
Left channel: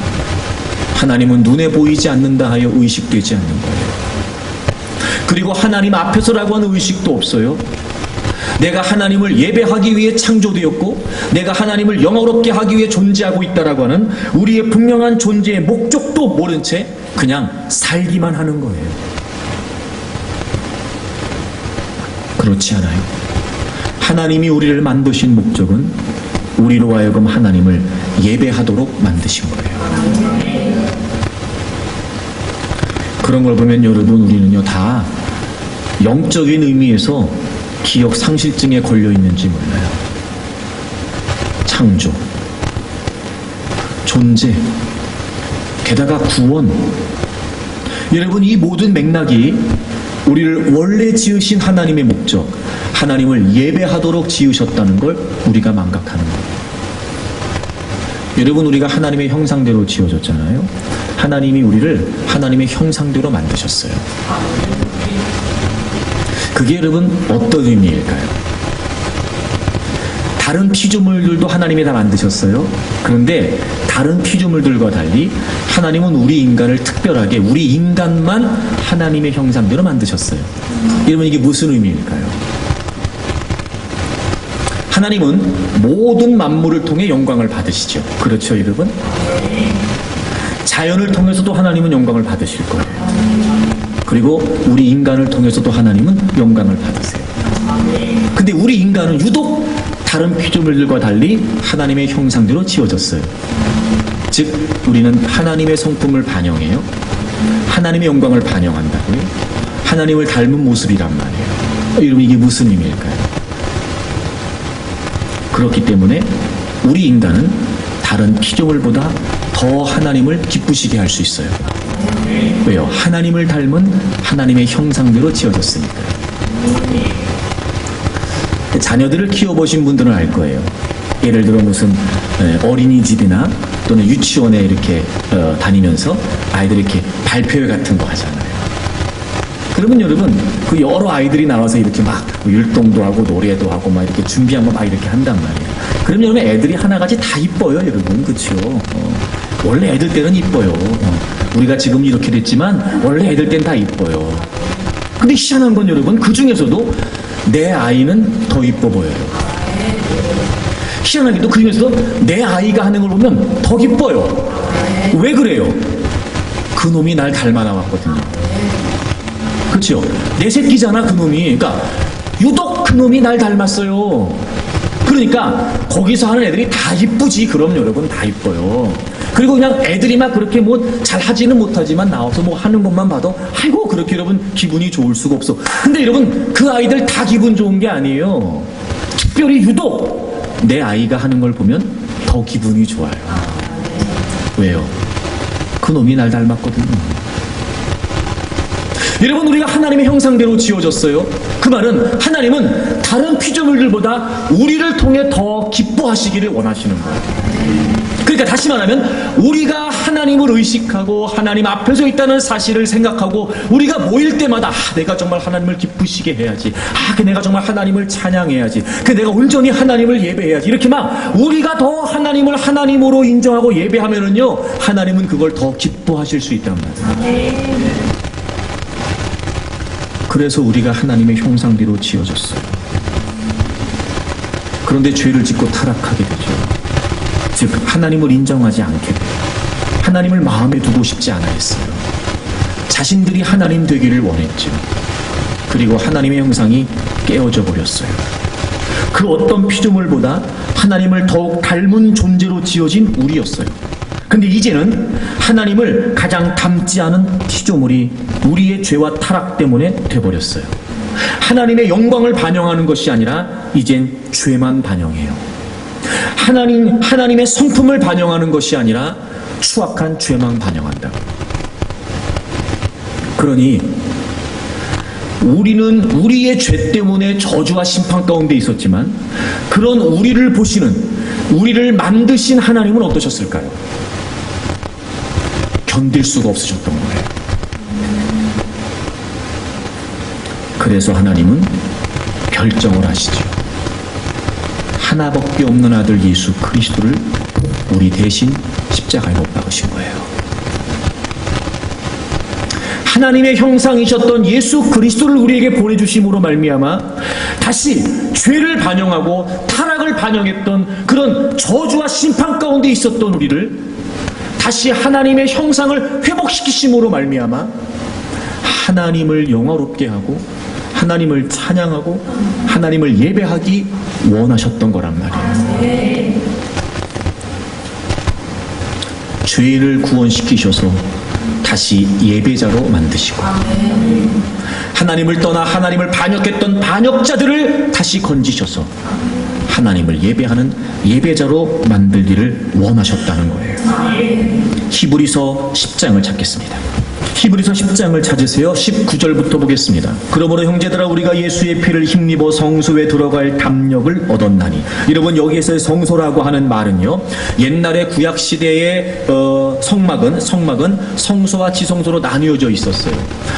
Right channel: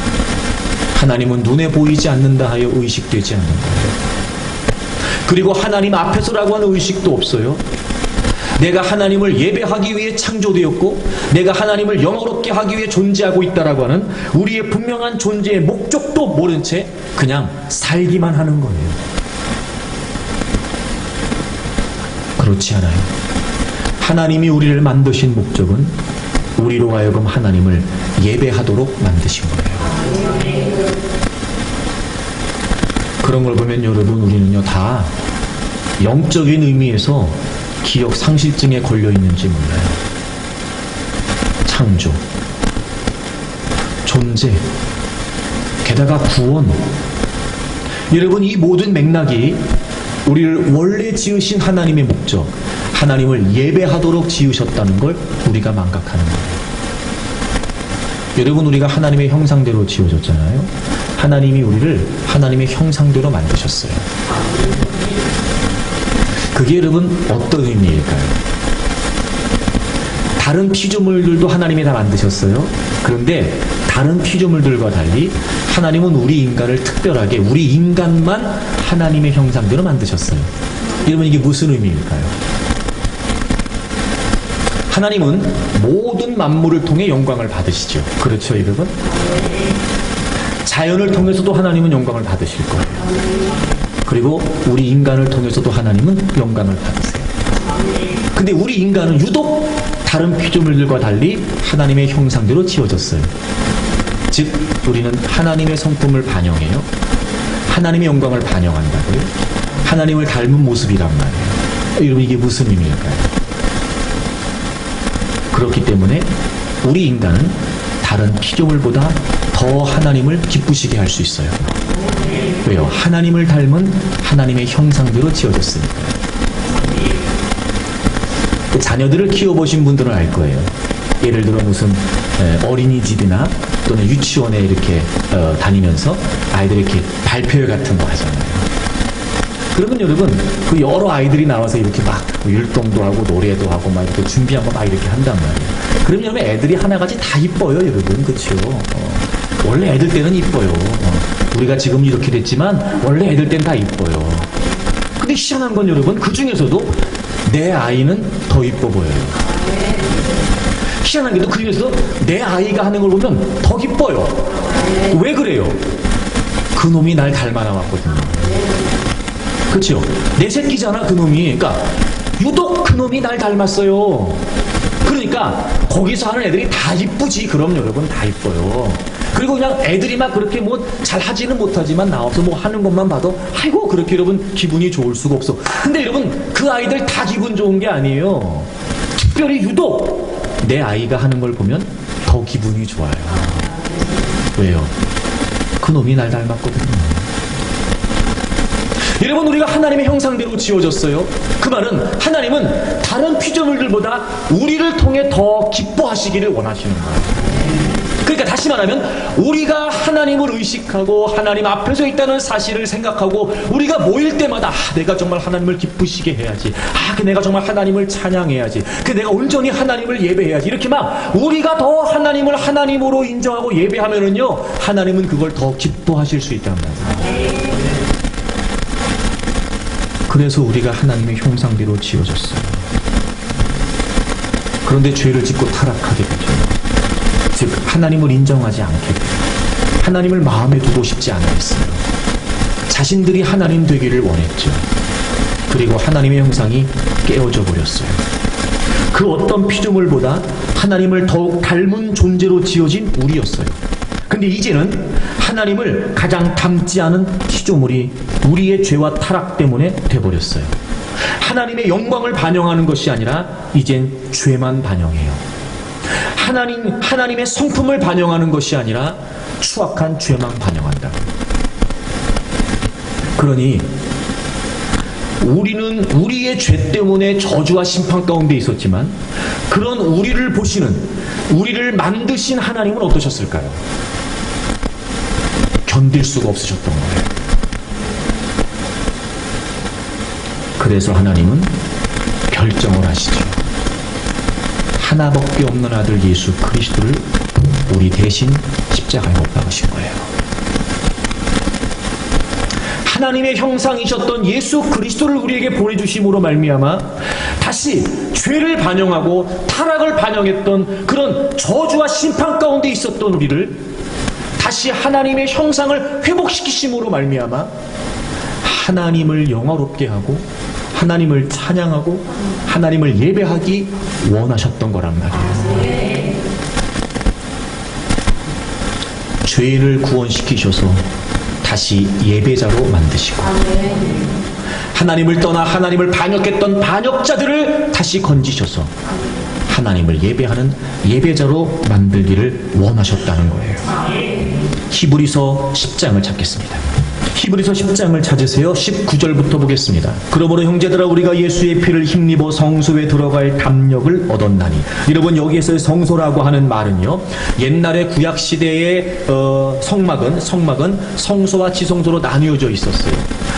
하나님은 눈에 보이지 않는다 하여 의식되지 않는 거예요. 그리고 하나님 앞에서라고 하는 의식도 없어요. 내가 하나님을 예배하기 위해 창조되었고 내가 하나님을 영화롭게 하기 위해 존재하고 있다라고 하는 우리의 분명한 존재의 목적도 모른 채 그냥 살기만 하는 거예요. 그렇지 않아요. 하나님이 우리를 만드신 목적은 우리로 하여금 하나님을 예배하도록 만드신 거예요. 그런 걸 보면 여러분, 우리는요 다 영적인 의미에서 기억 상실증에 걸려 있는지 몰라요. 창조, 존재, 게다가 구원. 여러분, 이 모든 맥락이 우리를 원래 지으신 하나님의 목적, 하나님을 예배하도록 지으셨다는 걸 우리가 망각하는 거예요. 여러분, 우리가 하나님의 형상대로 지어졌잖아요. 하나님이 우리를 하나님의 형상대로 만드셨어요. 그게 여러분 어떤 의미일까요? 다른 피조물들도 하나님이 다 만드셨어요. 그런데 다른 피조물들과 달리 하나님은 우리 인간을 특별하게, 우리 인간만 하나님의 형상대로 만드셨어요. 여러분, 이게 무슨 의미일까요? 하나님은 모든 만물을 통해 영광을 받으시죠. 그렇죠, 여러분? 자연을 통해서도 하나님은 영광을 받으실 거예요. 그리고 우리 인간을 통해서도 하나님은 영광을 받으세요. 근데 우리 인간은 유독 다른 피조물들과 달리 하나님의 형상대로 지어졌어요. 즉 우리는 하나님의 성품을 반영해요. 하나님의 영광을 반영한다고요. 하나님을 닮은 모습이란 말이에요. 여러분, 이게 무슨 의미일까요? 그렇기 때문에 우리 인간은 다른 피조물보다 더 하나님을 기쁘시게 할 수 있어요. 왜요? 하나님을 닮은 하나님의 형상대로 지어졌으니까. 자녀들을 키워보신 분들은 알 거예요. 예를 들어 무슨 어린이집이나 또는 유치원에 이렇게 다니면서 아이들이 이렇게 발표회 같은 거 하잖아요. 그러면 여러분, 그 여러 아이들이 나와서 이렇게 막 율동도 하고 노래도 하고 막 이렇게 준비한 거 막 이렇게 한단 말이에요. 그러면 여러분, 애들이 하나같이 다 이뻐요, 여러분. 그렇죠? 원래 애들 때는 이뻐요. 우리가 지금 이렇게 됐지만 원래 애들 때는 다 이뻐요. 근데 희한한 건 여러분, 그 중에서도 내 아이는 더 이뻐 보여요. 희한한 게도 그 중에서도 내 아이가 하는 걸 보면 더 기뻐요. 왜 그래요? 그 놈이 날 닮아 나왔거든요. 그렇죠? 내 새끼잖아, 그 놈이. 그러니까 유독 그 놈이 날 닮았어요. 그러니까 거기서 하는 애들이 다 이쁘지. 그럼 여러분, 다 이뻐요. 그리고 그냥 애들이 막 그렇게 뭐 잘 하지는 못하지만 나와서 뭐 하는 것만 봐도 아이고, 그렇게 여러분 기분이 좋을 수가 없어. 근데 여러분, 그 아이들 다 기분 좋은 게 아니에요. 특별히 유독 내 아이가 하는 걸 보면 더 기분이 좋아요. 왜요? 그 놈이 날 닮았거든요. 여러분, 우리가 하나님의 형상대로 지어졌어요. 그 말은 하나님은 다른 피조물들보다 우리를 통해 더 기뻐하시기를 원하시는 거예요. 그러니까 다시 말하면 우리가 하나님을 의식하고 하나님 앞에 서 있다는 사실을 생각하고 우리가 모일 때마다 내가 정말 하나님을 기쁘시게 해야지, 내가 정말 하나님을 찬양해야지, 내가 온전히 하나님을 예배해야지, 이렇게 막 우리가 더 하나님을 하나님으로 인정하고 예배하면은요, 하나님은 그걸 더 기뻐하실 수 있단 말이에요. 그래서 우리가 하나님의 형상대로 지어졌어요. 그런데 죄를 짓고 타락하게 되죠. 즉 하나님을 인정하지 않게 돼요. 하나님을 마음에 두고 싶지 않아 했어요. 자신들이 하나님 되기를 원했죠. 그리고 하나님의 형상이 깨어져 버렸어요. 그 어떤 피조물보다 하나님을 더욱 닮은 존재로 지어진 우리였어요. 근데 이제는 하나님을 가장 닮지 않은 피조물이 우리의 죄와 타락 때문에 돼버렸어요. 하나님의 영광을 반영하는 것이 아니라 이젠 죄만 반영해요. 하나님의 성품을 반영하는 것이 아니라 추악한 죄만 반영한다. 그러니 우리는 우리의 죄 때문에 저주와 심판 가운데 있었지만 그런 우리를 보시는, 우리를 만드신 하나님은 어떠셨을까요? 견딜 수가 없으셨던 거예요. 그래서 하나님은 결정을 하시죠. 하나밖에 없는 아들 예수 그리스도를 우리 대신 십자가에 못 박으신 거예요. 하나님의 형상이셨던 예수 그리스도를 우리에게 보내주심으로 말미암아 다시 죄를 반영하고 타락을 반영했던 그런 저주와 심판 가운데 있었던 우리를 다시 하나님의 형상을 회복시키심으로 말미암아 하나님을 영화롭게 하고 하나님을 찬양하고 하나님을 예배하기 원하셨던 거란 말이에요. 죄인을 구원시키셔서 다시 예배자로 만드시고 하나님을 떠나 하나님을 반역했던 반역자들을 다시 건지셔서 하나님을 예배하는 예배자로 만들기를 원하셨다는 거예요. 히브리서 10장을 찾겠습니다. 히브리서 10장을 찾으세요. 19절부터 보겠습니다. 그러므로 형제들아 우리가 예수의 피를 힘입어 성소에 들어갈 담력을 얻었나니. 여러분 여기에서의 성소라고 하는 말은요, 옛날에 구약시대의 성막은 성소와 지성소로 나뉘어져 있었어요.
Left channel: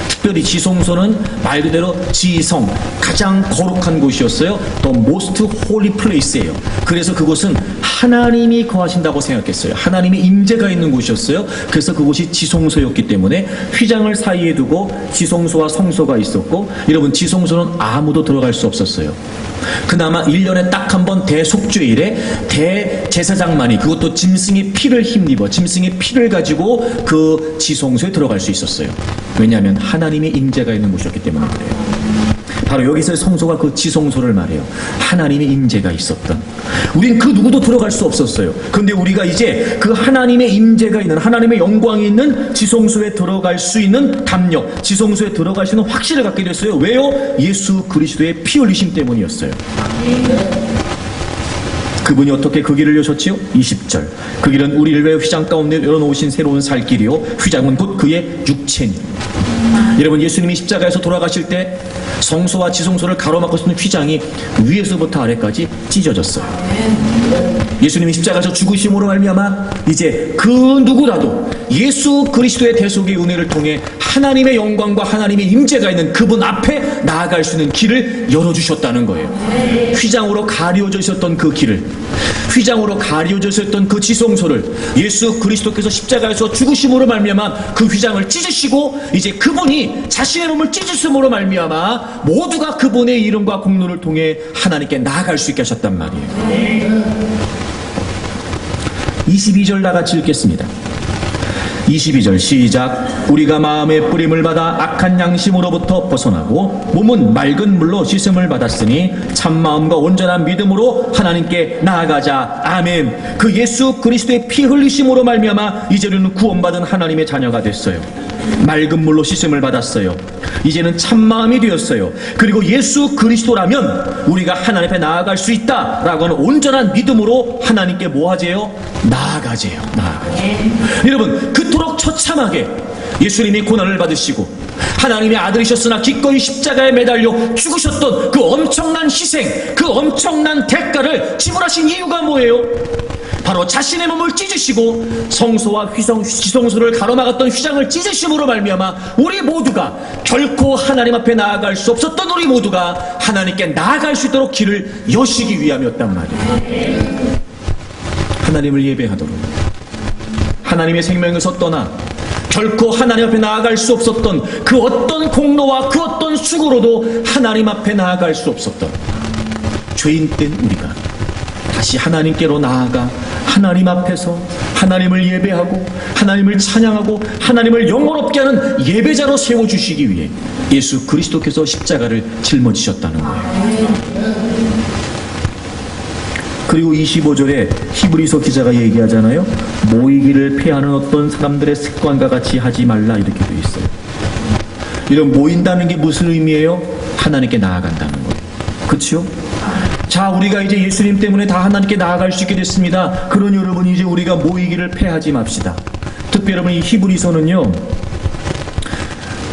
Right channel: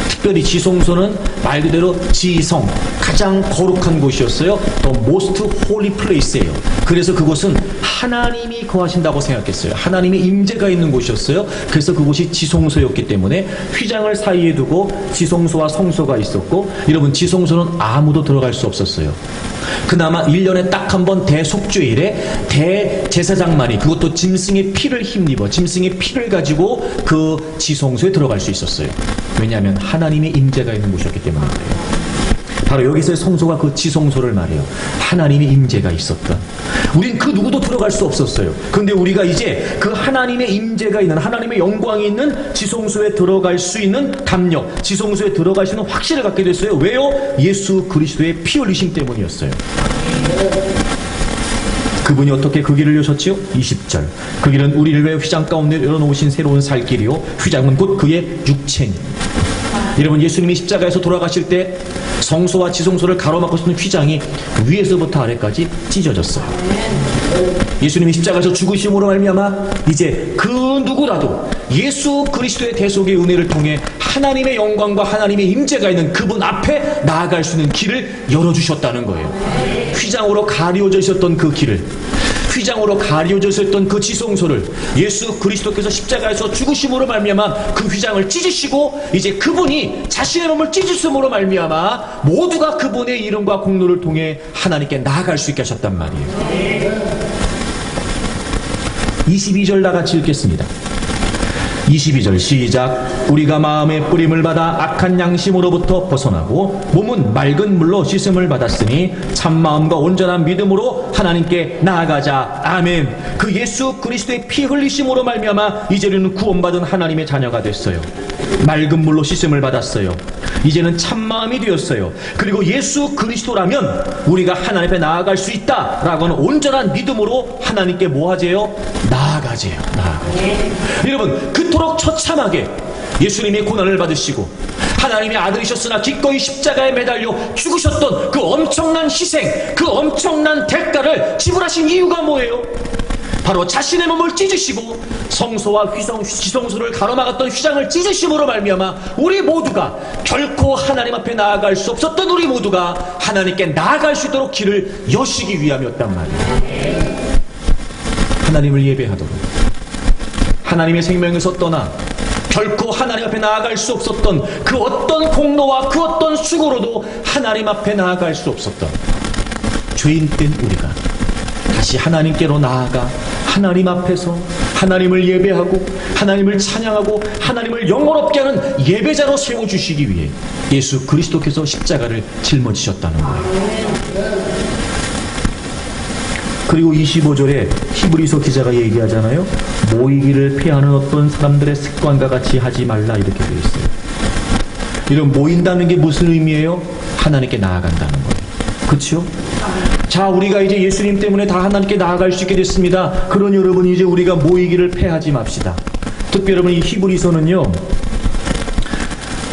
특별히 지성소는 말 그대로 지성, 가장 거룩한 곳이었어요. The most holy place예요. 그래서 그곳은 하나님이 거하신다고 생각했어요. 하나님의 임재가 있는 곳이었어요. 그래서 그곳이 지성소였기 때문에 휘장을 사이에 두고 지성소와 성소가 있었고, 여러분 지성소는 아무도 들어갈 수 없었어요. 그나마 1년에 딱 한 번 대속죄일에 대제사장만이, 그것도 짐승의 피를 힘입어 짐승의 피를 가지고 그 지성소에 들어갈 수 있었어요. 왜냐하면 하나님의 임재가 있는 곳이었기 때문에 그래요. 바로 여기서 성소가 그 지성소를 말해요. 하나님의 임재가 있었던. 우린 그 누구도 들어갈 수 없었어요. 그런데 우리가 이제 그 하나님의 임재가 있는, 하나님의 영광이 있는 지성소에 들어갈 수 있는 담력, 지성소에 들어갈 수 있는 확신을 갖게 됐어요. 왜요? 예수 그리스도의 피 흘리심 때문이었어요. 그분이 어떻게 그 길을 여셨지요? 20절. 그 길은 우리를 위해 휘장 가운데 열어놓으신 새로운 살 길이요, 휘장은 곧 그의 육체니. 여러분 예수님이 십자가에서 돌아가실 때 성소와 지성소를 가로막고 있는 휘장이 위에서부터 아래까지 찢어졌어요. 예수님이 십자가에서 죽으심으로 말미암아 이제 그 누구라도 예수 그리스도의 대속의 은혜를 통해 하나님의 영광과 하나님의 임재가 있는 그분 앞에 나아갈 수 있는 길을 열어주셨다는 거예요. 휘장으로 가려져 있었던 그 길을, 휘장으로 가려져 있었던 그 지성소를 예수 그리스도께서 십자가에서 죽으심으로 말미암아 그 휘장을 찢으시고, 이제 그분이 자신의 몸을 찢으심으로 말미암아 모두가 그분의 이름과 공로를 통해 하나님께 나아갈 수 있게 하셨단 말이에요. 22절 다 같이 읽겠습니다. 22절 시작. 우리가 마음의 뿌림을 받아 악한 양심으로부터 벗어나고 몸은 맑은 물로 씻음을 받았으니 참마음과 온전한 믿음으로 하나님께 나아가자. 아멘. 그 예수 그리스도의 피 흘리심으로 말미암아 이제 우리는 구원받은 하나님의 자녀가 됐어요. 맑은 물로 씻음을 받았어요. 이제는 참마음이 되었어요. 그리고 예수 그리스도라면 우리가 하나님 앞에 나아갈 수 있다라고 하는 온전한 믿음으로 하나님께 뭐 하재요? 나아가재요. 여러분 그토록 처참하게 예수님이 고난을 받으시고 하나님의 아들이셨으나 기꺼이 십자가에 매달려 죽으셨던 그 엄청난 희생, 그 엄청난 대가를 지불하신 이유가 뭐예요? 바로 자신의 몸을 찢으시고 성소와 지성소를 가로막았던 휘장을 찢으심으로 말미암아 우리 모두가 결코 하나님 앞에 나아갈 수 없었던 우리 모두가 하나님께 나아갈 수 있도록 길을 여시기 위함이었단 말이에요. 하나님을 예배하도록, 하나님의 생명에서 떠나 결코 하나님 앞에 나아갈 수 없었던 그 어떤 공로와 그 어떤 수고로도 하나님 앞에 나아갈 수 없었던 죄인된 우리가 다시 하나님께로 나아가 하나님 앞에서 하나님을 예배하고 하나님을 찬양하고 하나님을 영원롭게 하는 예배자로 세워주시기 위해 예수 그리스도께서 십자가를 짊어지셨다는 거예요. 그리고 25절에 히브리서 기자가 얘기하잖아요. 모이기를 패하는 어떤 사람들의 습관과 같이 하지 말라, 이렇게 되어 있어요. 이런 모인다는 게 무슨 의미예요? 하나님께 나아간다는 거예요. 그렇죠? 자, 우리가 이제 예수님 때문에 다 하나님께 나아갈 수 있게 됐습니다. 그러니 여러분 이제 우리가 모이기를 패하지 맙시다. 특히 여러분 이 히브리서는요,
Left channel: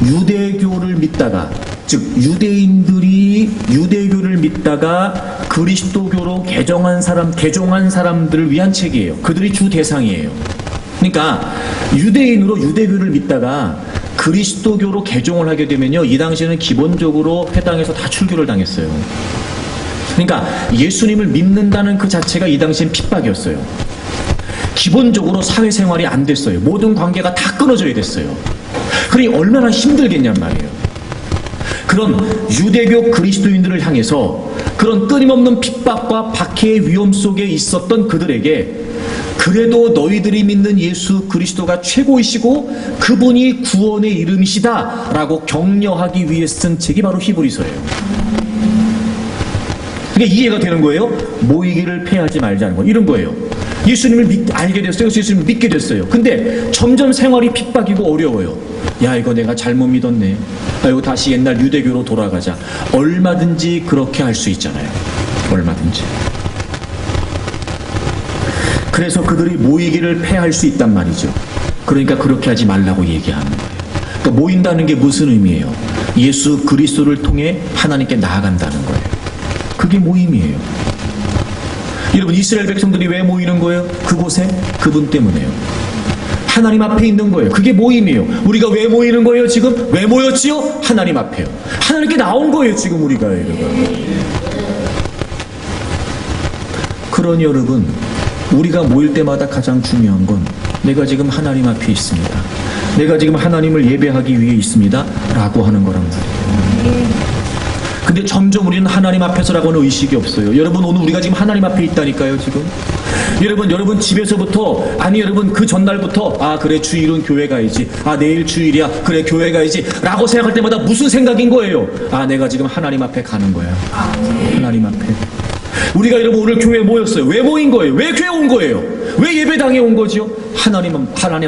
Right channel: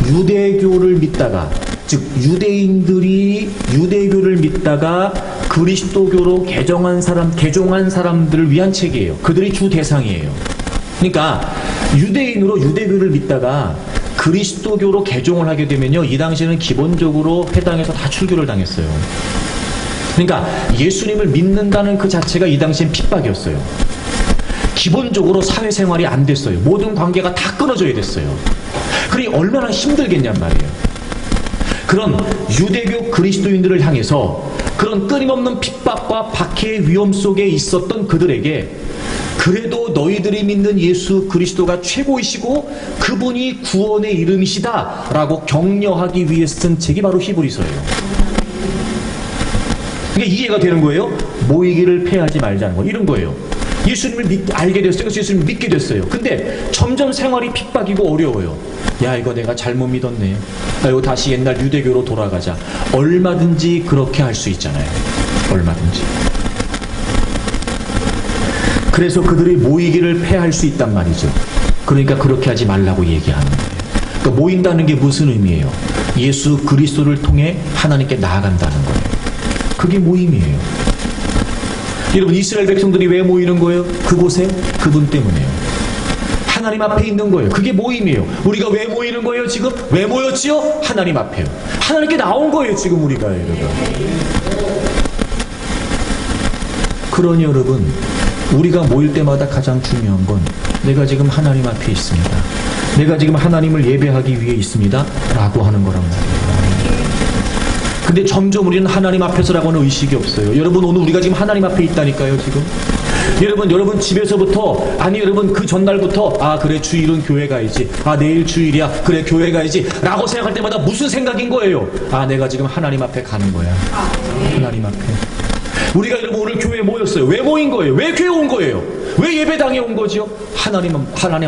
유대교를 믿다가, 즉 유대인들이 유대교를 믿다가 그리스도교로 개종한 사람들을 위한 책이에요. 그들이 주 대상이에요. 그러니까 유대인으로 유대교를 믿다가 그리스도교로 개종을 하게 되면요, 이 당시에는 기본적으로 회당에서 다 출교를 당했어요. 그러니까 예수님을 믿는다는 그 자체가 이 당시엔 핍박이었어요. 기본적으로 사회생활이 안 됐어요. 모든 관계가 다 끊어져야 됐어요. 그러니 얼마나 힘들겠냔 말이에요. 그런 유대교 그리스도인들을 향해서 그런 끊임없는 핍박과 박해의 위험 속에 있었던 그들에게 그래도 너희들이 믿는 예수 그리스도가 최고이시고 그분이 구원의 이름이시다 라고 격려하기 위해 쓴 책이 바로 히브리서예요. 그게 이해가 되는 거예요. 모이기를 패하지 말자는 거, 이런 거예요. 예수님을 알게 됐어요. 예수님을 믿게 됐어요. 근데 점점 생활이 핍박이고 어려워요. 야, 이거 내가 잘못 믿었네. 이거 다시 옛날 유대교로 돌아가자. 얼마든지 그렇게 할 수 있잖아요. 얼마든지. 그래서 그들이 모이기를 패할 수 있단 말이죠. 그러니까 그렇게 하지 말라고 얘기하는 거예요. 그러니까 모인다는 게 무슨 의미예요? 예수 그리스도를 통해 하나님께 나아간다는 거예요. 그게 모임이에요. 여러분, 이스라엘 백성들이 왜 모이는 거예요? 그곳에 그분 때문에요. 하나님 앞에 있는 거예요. 그게 모임이에요. 우리가 왜 모이는 거예요? 지금 왜 모였지요? 하나님 앞에요. 하나님께 나온 거예요. 지금 우리가. 여러분, 그러니 여러분, 우리가 모일 때마다 가장 중요한 건 내가 지금 하나님 앞에 있습니다. 내가 지금 하나님을 예배하기 위해 있습니다 라고 하는 거란 말이에요. 근데 점점 우리는 하나님 앞에서라고는 의식이 없어요. 여러분, 오늘 우리가 지금 하나님 앞에 있다니까요. 지금 여러분 집에서부터, 아니 여러분 그 전날부터, 아 그래 주일은 교회 가야지, 아 내일 주일이야, 그래 교회 가야지 라고 생각할 때마다 무슨 생각인 거예요? 아 내가 지금 하나님 앞에 가는 거야. 하나님 앞에. 우리가 여러분 오늘 교회에 모였어요. 왜 모인 거예요? 왜 교회 온 거예요? 왜 예배당에 온 거죠? 하나님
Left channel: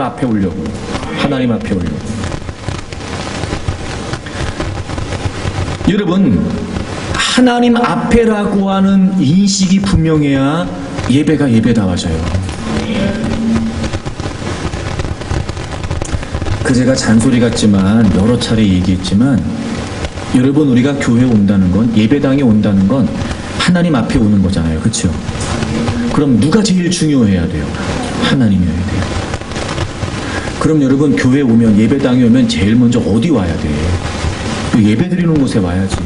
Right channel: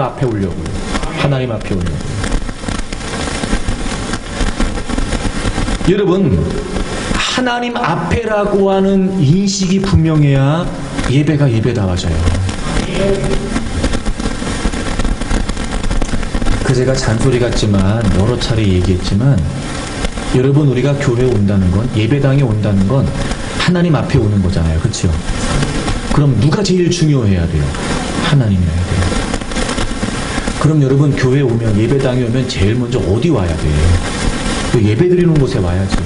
앞에 오려고. 하나님 앞에 오려고. 여러분, 하나님 앞에라고 하는 인식이 분명해야 예배가 예배다워져요. 그 제가 잔소리 같지만 여러 차례 얘기했지만, 여러분 우리가 교회에 온다는 건, 예배당에 온다는 건 하나님 앞에 오는 거잖아요. 그렇죠? 그럼 누가 제일 중요해야 돼요? 하나님이어야 돼요. 그럼 여러분 교회에 오면, 예배당에 오면 제일 먼저 어디 와야 돼요? 예배 드리는 곳에 와야지.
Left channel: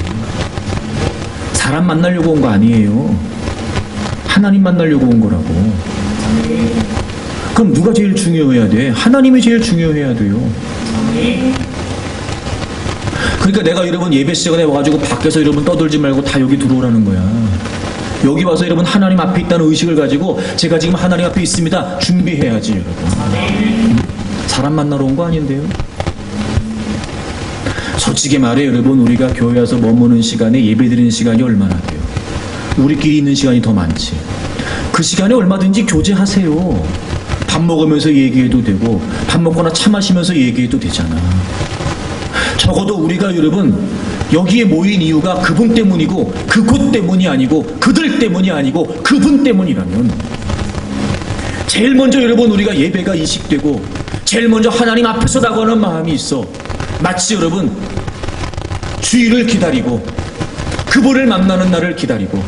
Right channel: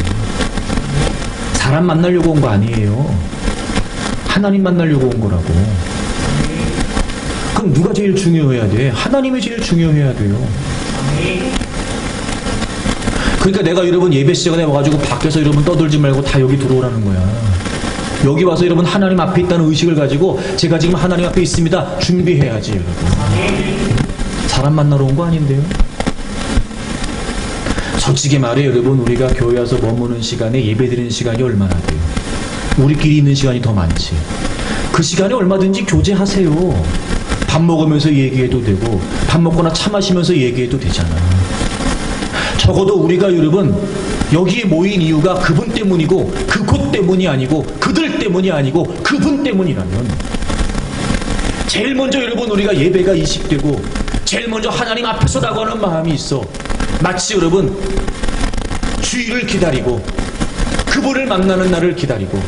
사람 만나려고 온 거 아니에요. 하나님 만나려고 온 거라고. 그럼 누가 제일 중요해야 돼? 하나님이 제일 중요해야 돼요. 그러니까 내가 여러분 예배 시간에 와가지고 밖에서 여러분 떠들지 말고 다 여기 들어오라는 거야. 여기 와서 여러분 하나님 앞에 있다는 의식을 가지고 제가 지금 하나님 앞에 있습니다 준비해야지. 여러분 사람 만나러 온 거 아닌데요. 솔직히 말해 여러분, 우리가 교회 와서 머무는 시간에 예배드리는 시간이 얼마나 돼요? 우리끼리 있는 시간이 더 많지. 그 시간에 얼마든지 교제하세요. 밥 먹으면서 얘기해도 되고, 밥 먹거나 차 마시면서 얘기해도 되잖아. 적어도 우리가 여러분 여기에 모인 이유가 그분 때문이고 그곳 때문이 아니고 그들 때문이 아니고 그분 때문이라면, 제일 먼저 여러분 우리가 예배가 이식되고 제일 먼저 하나님 앞에서 나가는 마음이 있어. 마치 여러분 주일을 기다리고 그분을 만나는 날을 기다리고,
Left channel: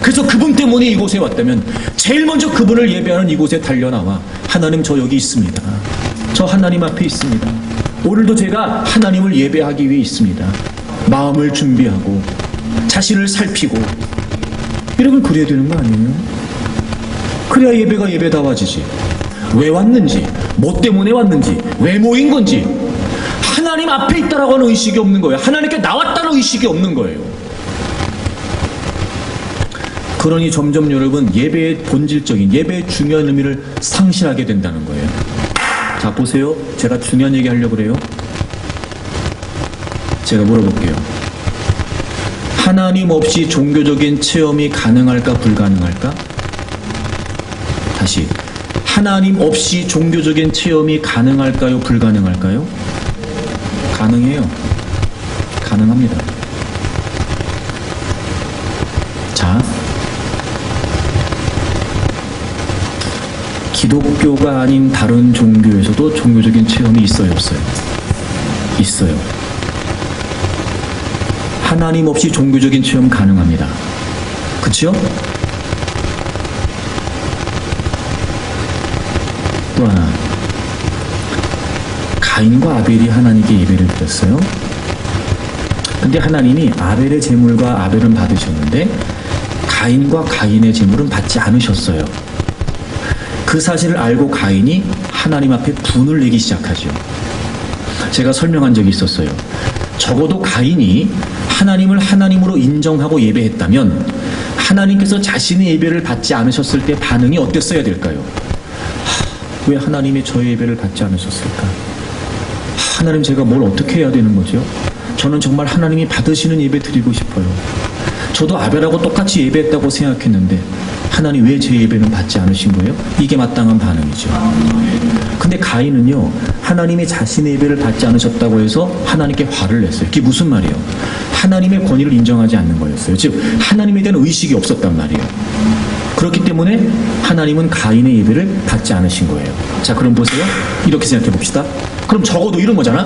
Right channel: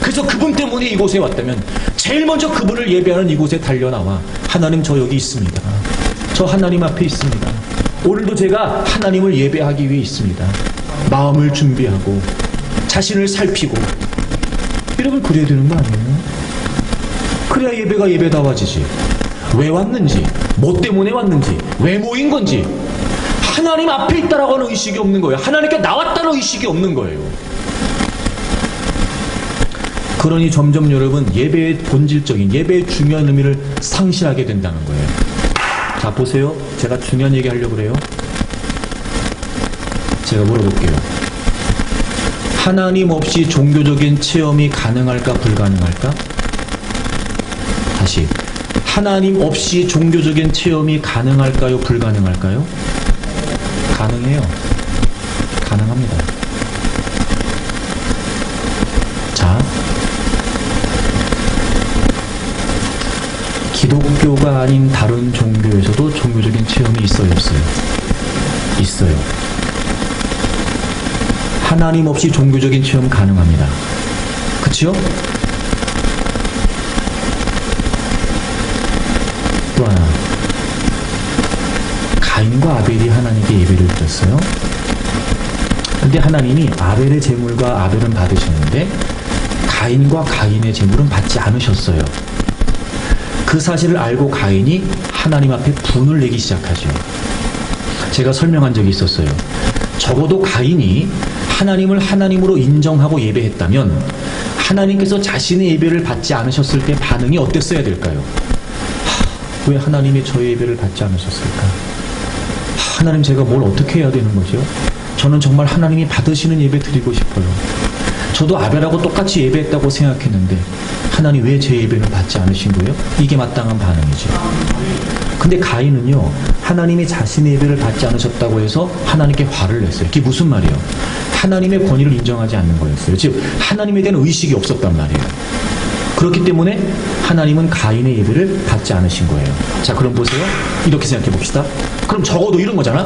그래서 그분 때문에 이곳에 왔다면 제일 먼저 그분을 예배하는 이곳에 달려나와 하나님 저 여기 있습니다. 저 하나님 앞에 있습니다. 오늘도 제가 하나님을 예배하기 위해 있습니다. 마음을 준비하고 자신을 살피고. 여러분 그래야 되는 거 아니에요? 그래야 예배가 예배다워지지. 왜 왔는지, 뭐 때문에 왔는지, 왜 모인 건지 하나님 앞에 있다라고 하는 의식이 없는 거예요. 하나님께 나왔다는 의식이 없는 거예요. 그러니 점점 여러분 예배의 본질적인, 예배의 중요한 의미를 상실하게 된다는 거예요. 자 보세요. 제가 중요한 얘기 하려고 그래요. 제가 물어볼게요. 하나님 없이 종교적인 체험이 가능할까 불가능할까? 다시, 하나님 없이 종교적인 체험이 가능할까요 불가능할까요? 가능해요. 가능합니다. 자, 기독교가 아닌 다른 종교에서도 종교적인 체험이 있어요 없어요? 있어요. 하나님 없이 종교적인 체험 가능합니다. 그치요? 또 하나, 가인과 아벨이 하나님께 예배를 드렸어요. 근데 하나님이 아벨의 제물과 아벨은 받으셨는데 가인과 가인의 제물은 받지 않으셨어요. 그 사실을 알고 가인이 하나님 앞에 분을 내기 시작하죠. 제가 설명한 적이 있었어요. 적어도 가인이 하나님을 하나님으로 인정하고 예배했다면 하나님께서 자신의 예배를 받지 않으셨을 때 반응이 어땠어야 될까요? 왜 하나님이 저의 예배를 받지 않으셨을까? 하나님, 제가 뭘 어떻게 해야 되는 거죠? 저는 정말 하나님이 받으시는 예배 드리고 싶어요. 저도 아벨하고 똑같이 예배했다고 생각했는데 하나님 왜 제 예배는 받지 않으신 거예요? 이게 마땅한 반응이죠. 근데 가인은요, 하나님이 자신의 예배를 받지 않으셨다고 해서 하나님께 화를 냈어요. 그게 무슨 말이에요? 하나님의 권위를 인정하지 않는 거였어요. 즉 하나님에 대한 의식이 없었단 말이에요. 그렇기 때문에 하나님은 가인의 예배를 받지 않으신 거예요. 자, 그럼 보세요. 이렇게 생각해 봅시다. 그럼 적어도 이런 거잖아.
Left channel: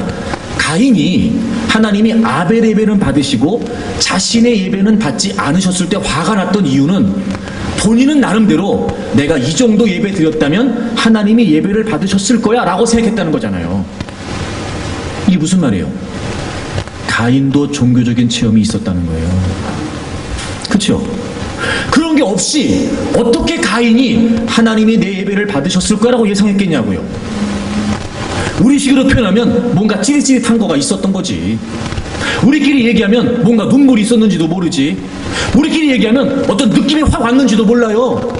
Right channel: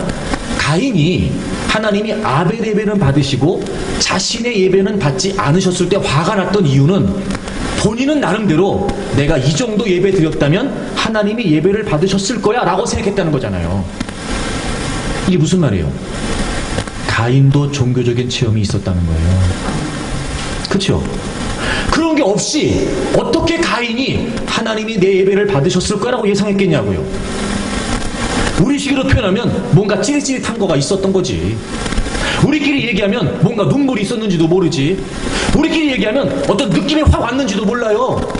가인이 하나님이 아벨의 예배는 받으시고 자신의 예배는 받지 않으셨을 때 화가 났던 이유는 본인은 나름대로 내가 이 정도 예배 드렸다면 하나님이 예배를 받으셨을 거야 라고 생각했다는 거잖아요. 이게 무슨 말이에요? 가인도 종교적인 체험이 있었다는 거예요. 그렇죠? 그런 게 없이 어떻게 가인이 하나님이 내 예배를 받으셨을 거라고 예상했겠냐고요. 우리식으로 표현하면 뭔가 찌릿찌릿한 거가 있었던 거지. 우리끼리 얘기하면 뭔가 눈물이 있었는지도 모르지. 우리끼리 얘기하면 어떤 느낌이 확 왔는지도 몰라요.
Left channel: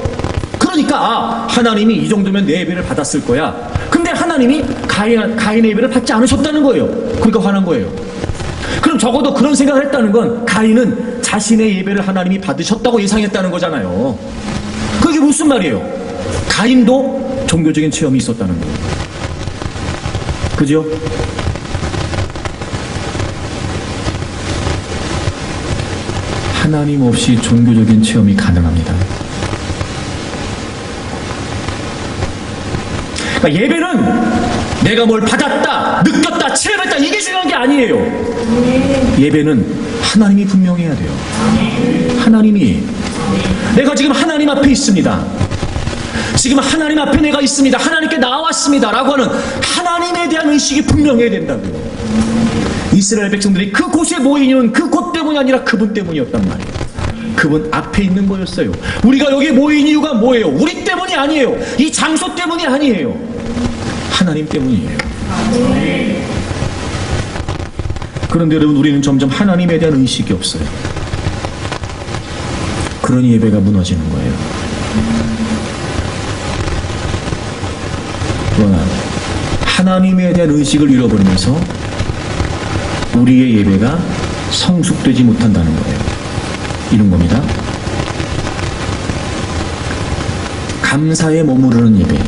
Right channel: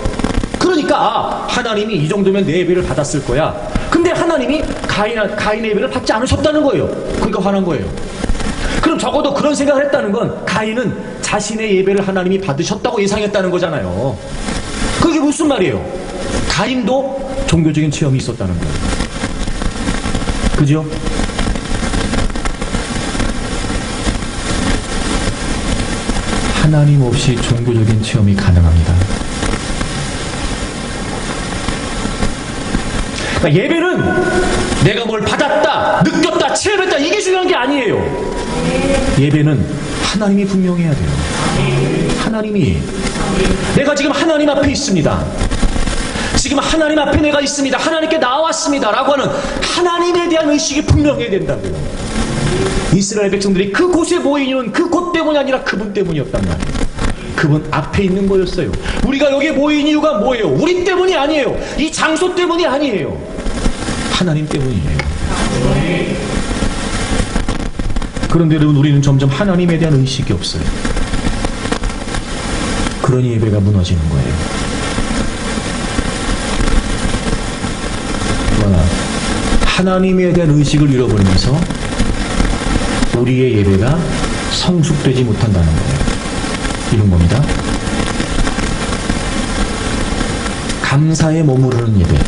그러니까 하나님이 이 정도면 내 예배를 받았을 거야. 근데 하나님이 가인의 예배를 받지 않으셨다는 거예요. 그러니까 화난 거예요. 그럼 적어도 그런 생각을 했다는 건 가인은 자신의 예배를 하나님이 받으셨다고 예상했다는 거잖아요. 그게 무슨 말이에요? 가인도 종교적인 체험이 있었다는 거예요. 그죠? 하나님 없이 종교적인 체험이 가능합니다. 그러니까 예배는 내가 뭘 받았다, 느꼈다, 체험했다 이게 중요한 게 아니에요. 예배는 하나님이 분명히 해야 돼요. 하나님이 내가 지금 하나님 앞에 있습니다. 지금 하나님 앞에 내가 있습니다. 하나님께 나왔습니다. 라고 하는 하나님에 대한 의식이 분명해야 된다고요. 이스라엘 백성들이 그곳에 모인 이유는 그곳 때문이 아니라 그분 때문이었단 말이에요. 그분 앞에 있는 거였어요. 우리가 여기 모인 이유가 뭐예요? 우리 때문이 아니에요. 이 장소 때문이 아니에요. 하나님 때문이에요. 그런데 여러분, 우리는 점점 하나님에 대한 의식이 없어요. 그러니 예배가 무너지는 거예요. 그러나 하나님에 대한 의식을 잃어버리면서 우리의 예배가 성숙되지 못한다는 거예요. 이런 겁니다. 감사에 머무르는 예배.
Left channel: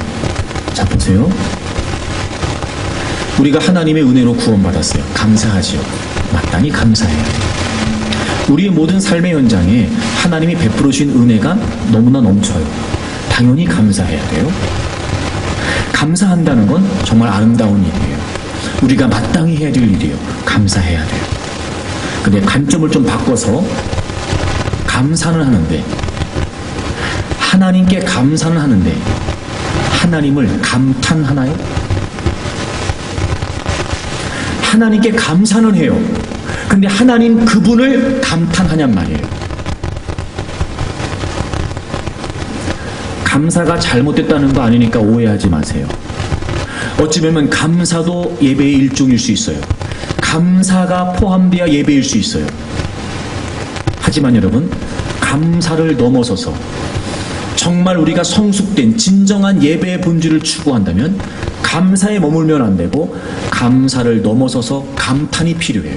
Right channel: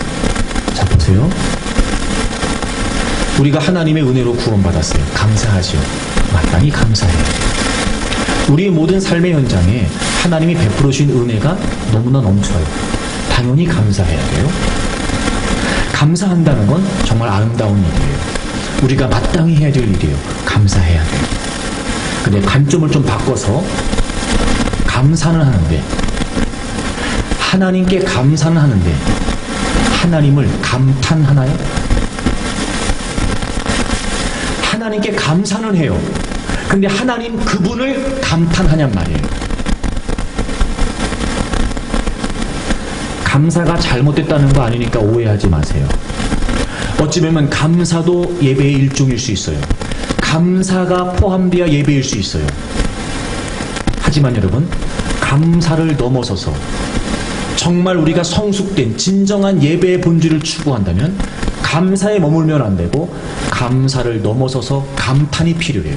자, 보세요. 우리가 하나님의 은혜로 구원받았어요. 감사하지요. 마땅히 감사해요. 우리의 모든 삶의 현장에 하나님이 베풀어 주신 은혜가 너무나 넘쳐요. 당연히 감사해야 돼요. 감사한다는 건 정말 아름다운 일이에요. 우리가 마땅히 해야 될 일이에요. 감사해야 돼요. 근데 관점을 좀 바꿔서 감사는 하는데, 하나님께 감사는 하는데 하나님을 감탄하나요? 하나님께 감사는 해요. 근데 하나님 그분을 감탄하냔 말이에요. 감사가 잘못됐다는 거 아니니까 오해하지 마세요. 어찌 보면 감사도 예배의 일종일 수 있어요. 감사가 포함되어 예배일 수 있어요. 하지만 여러분, 감사를 넘어서서 정말 우리가 성숙된 진정한 예배의 본질을 추구한다면 감사에 머물면 안 되고 감사를 넘어서서 감탄이 필요해요.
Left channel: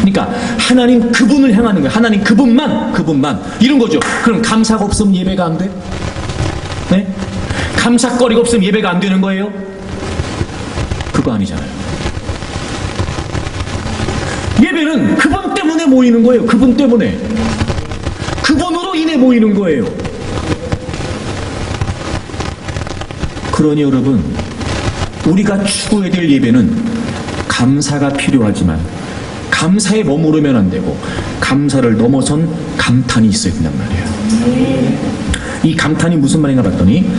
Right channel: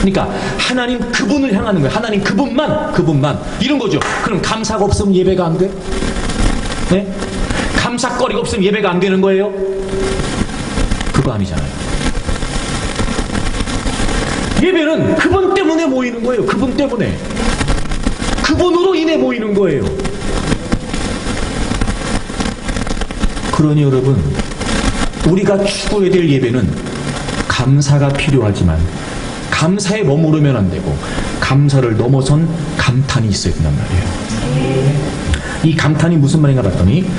그러니까 하나님 그분을 향하는 거예요. 하나님 그분만 이런 거죠. 그럼 감사가 없으면 예배가 안 돼? 네? 감사거리가 없으면 예배가 안 되는 거예요? 그거 아니잖아요. 예배는 그분 때문에 모이는 거예요. 그분 때문에. 그분으로 인해 모이는 거예요. 그러니 여러분, 우리가 추구해야 될 예배는 감사가 필요하지만 감사에 머무르면 안 되고 감사를 넘어선 감탄이 있어야 된단 말이에요. 이 감탄이 무슨 말인가 봤더니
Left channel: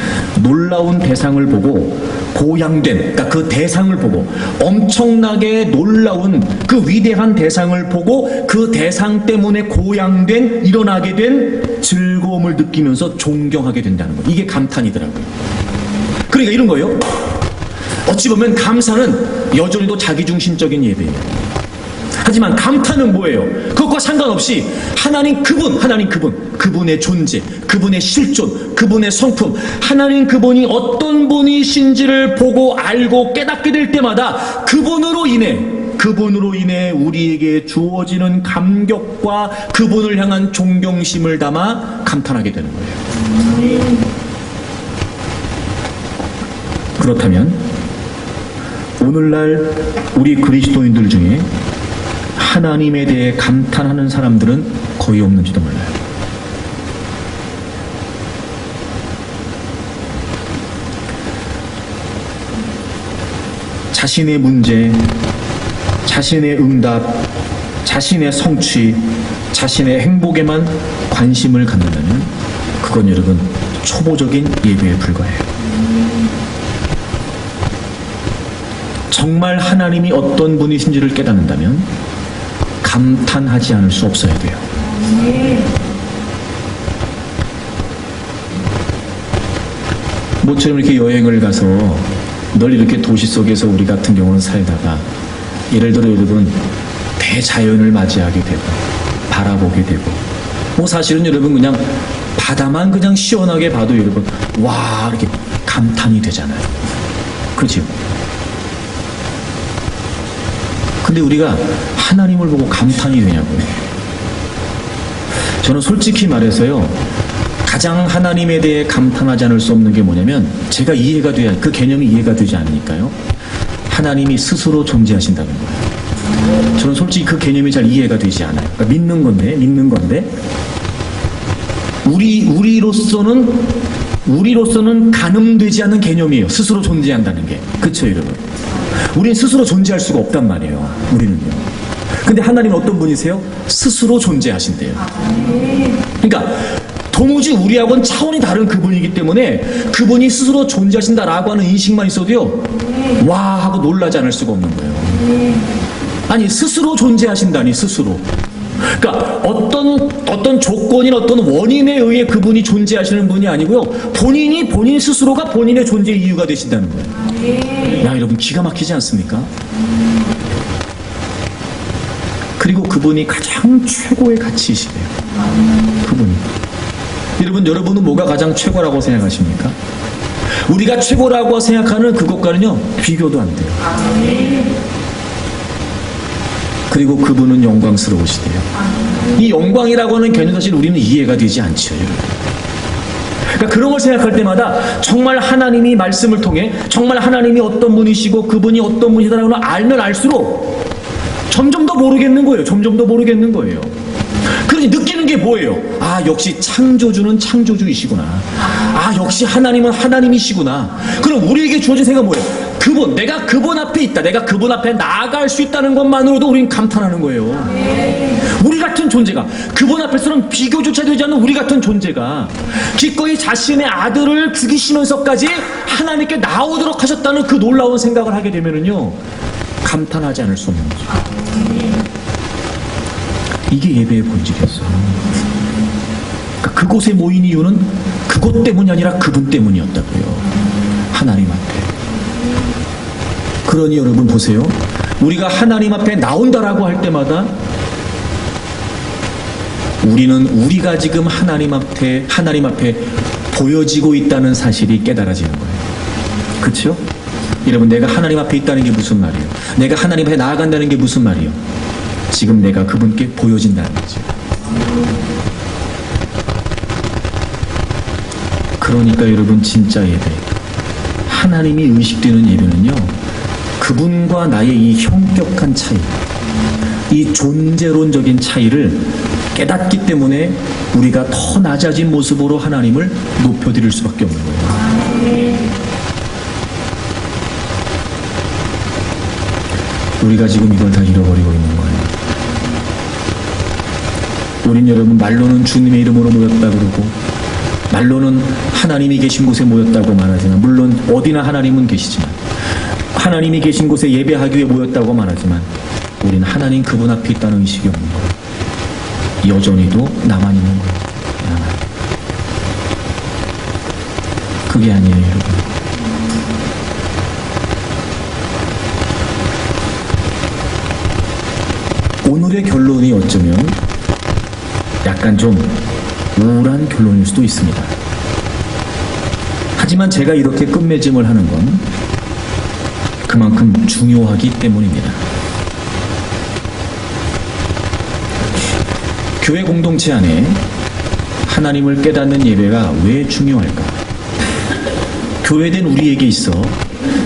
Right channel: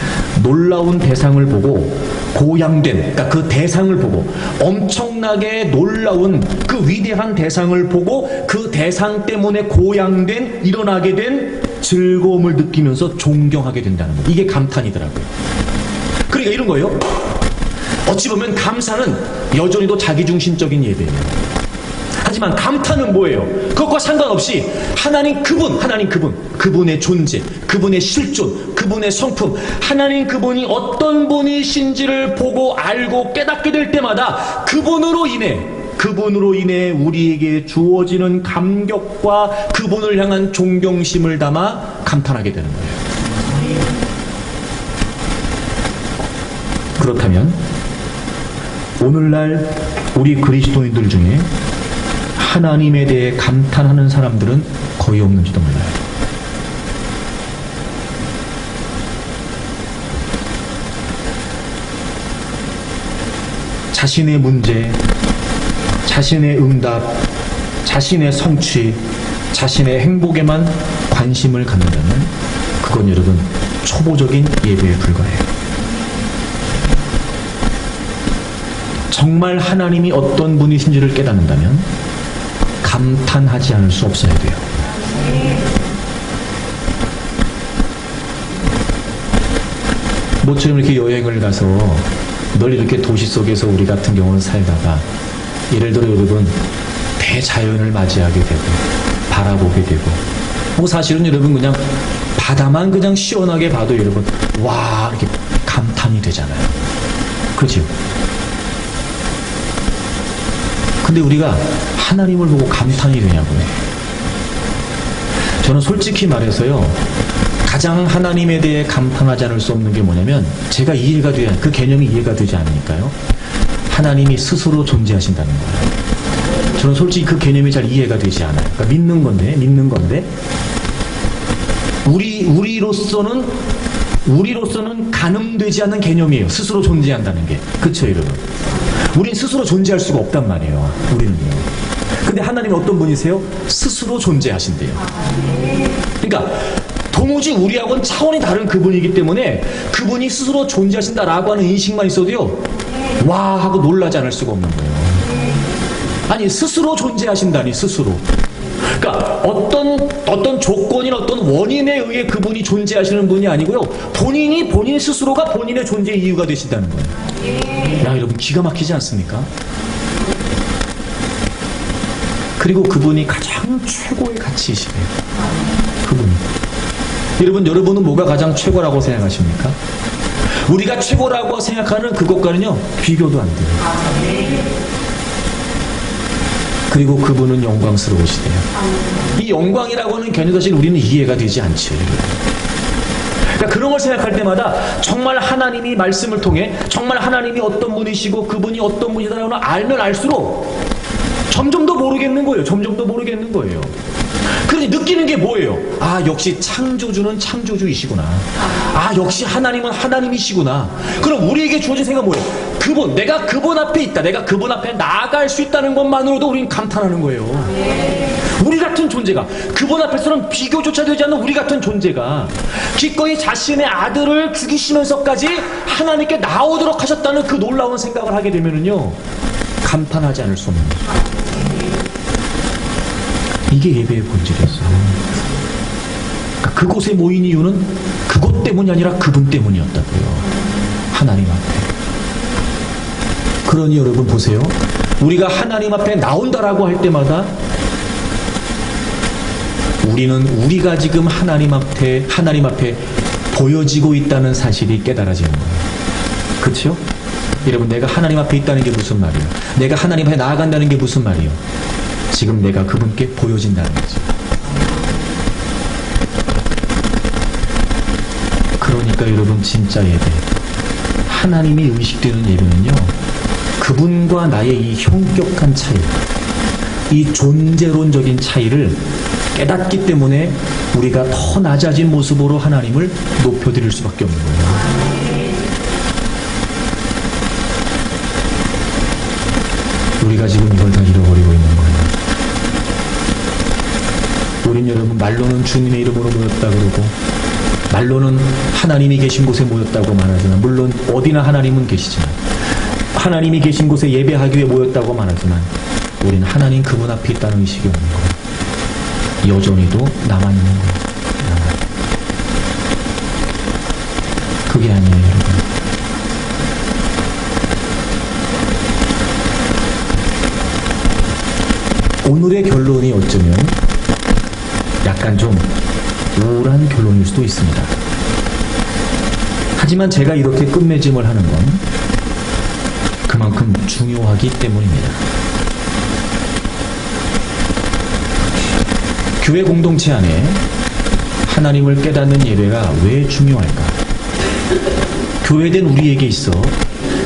놀라운 대상을 보고 고양된, 그러니까 그 대상을 보고 엄청나게 놀라운 그 위대한 대상을 보고 그 대상 때문에 고양된, 일어나게 된 즐거움을 느끼면서 존경하게 된다는 거예요. 이게 감탄이더라고요. 그러니까 이런 거예요. 어찌 보면 감사는 여전히도 자기중심적인 예배예요. 하지만 감탄은 뭐예요? 그것과 상관없이 하나님 그분의 존재, 그분의 실존, 그분의 성품, 하나님 그분이 어떤 분이신지를 보고 알고 깨닫게 될 때마다 그분으로 인해 우리에게 주어지는 감격과 그분을 향한 존경심을 담아 감탄하게 되는 거예요. 그렇다면 오늘날 우리 그리스도인들 중에 하나님에 대해 감탄하는 사람들은 거의 없는지도 몰라요. 자신의 문제, 자신의 응답, 자신의 성취, 자신의 행복에만 관심을 갖는다면 그건 여러분 초보적인 예배에 불과해요. 정말 하나님이 어떤 분이신지를 깨닫는다면 감탄하지 않을 수 없어야 돼요. 모처럼 이렇게 여행을 가서 늘 이렇게 도시 속에서 우리 같은 경우는 살다가 예를 들어 여러분 대자연을 맞이하게 되고 바라보게 되고 뭐 사실은 여러분 그냥 바다만 그냥 시원하게 봐도 여러분 와 이렇게 감탄이 되잖아요. 그렇죠? 근데 우리가 하나님을 보고 감탄이 되냐고요. 저는 솔직히 말해서요, 가장 하나님에 대해 감탄하지 않을 수 없는 게 뭐냐면 제가 이해가 돼야, 그 개념이 이해가 되지 않으니까요. 하나님이 스스로 존재하신다는 거예요. 저는 솔직히 그 개념이 잘 이해가 되지 않아요. 그러니까 믿는 건데 우리로서는 가늠되지 않는 개념이에요. 스스로 존재한다는 게. 그렇죠, 여러분? 우린 스스로 존재할 수가 없단 말이에요. 우리는요. 근데 하나님은 어떤 분이세요? 스스로 존재하신대요. 그러니까 도무지 우리하고는 차원이 다른 그분이기 때문에 그분이 스스로 존재하신다라고 하는 인식만 있어도요, 와 하고 놀라지 않을 수가 없는 거예요. 아니 스스로 존재하신다니, 스스로. 그러니까 어떤 조건이나 어떤 원인에 의해 그분이 존재하시는 분이 아니고요, 본인 스스로가 본인의 존재 이유가 되신다는 거예요. 야, 여러분 기가 막히지 않습니까? 그리고 그분이 가장 최고의 가치이시네요. 그분이. 여러분은 뭐가 가장 최고라고 생각하십니까? 우리가 최고라고 생각하는 그것과는요, 비교도 안 돼요. 그리고 그분은 영광스러우시대요. 이 영광이라고 하는 개념 사실 우리는 이해가 되지 않죠, 여러분. 그러니까 그런 걸 생각할 때마다 정말 하나님이 말씀을 통해 정말 하나님이 어떤 분이시고 그분이 어떤 분이다라고 알면 알수록 점점 더 모르겠는 거예요. 그러니 느끼는 게 뭐예요? 아, 역시 창조주는 창조주이시구나. 아, 역시 하나님은 하나님이시구나. 그럼 우리에게 주어진 생각은 뭐예요? 내가 그분 앞에 있다. 내가 그분 앞에 나아갈 수 있다는 것만으로도 우리는 감탄하는 거예요. 우리 같은 존재가, 그분 앞에서는 비교조차 되지 않는 우리 같은 존재가 기꺼이 자신의 아들을 죽이시면서까지 하나님께 나오도록 하셨다는 그 놀라운 생각을 하게 되면은요, 감탄하지 않을 수 없는 거죠. 이게 예배의 본질이었어요. 그러니까 그곳에 모인 이유는 그것 때문이 아니라 그분 때문이었다고요. 하나님 앞에. 그러니 여러분 보세요. 우리가 하나님 앞에 나온다라고 할 때마다 우리가 지금 하나님 앞에 보여지고 있다는 사실이 깨달아지는 거예요. 그렇죠? 여러분, 내가 하나님 앞에 있다는 게 무슨 말이에요? 내가 하나님 앞에 나아간다는 게 무슨 말이에요? 지금 내가 그분께 보여진다는 거죠. 그러니까 여러분, 진짜 예배, 하나님이 의식되는 예배는요, 그분과 나의 이 형격한 차이, 이 존재론적인 차이를 깨닫기 때문에 우리가 더 낮아진 모습으로 하나님을 높여드릴 수밖에 없는 거예요. 우리가 지금 이걸 다 잃어버리고 있는 거예요. 우린 여러분 말로는 주님의 이름으로 모였다 그러고 말로는 하나님이 계신 곳에 모였다고 말하지만, 물론 어디나 하나님은 계시지만, 하나님이 계신 곳에 예배하기 위해 모였다고 말하지만, 우린 하나님 그분 앞에 있다는 의식이 없는 거예요. 여전히도 나만 있는 거예요. 그게 아니에요, 여러분. 오늘의 결론이 어쩌면 약간 좀 우울한 결론일 수도 있습니다. 하지만 제가 이렇게 끝맺음을 하는 건 그만큼 중요하기 때문입니다. 교회 공동체 안에 하나님을 깨닫는 예배가 왜 중요할까? 교회된 우리에게 있어,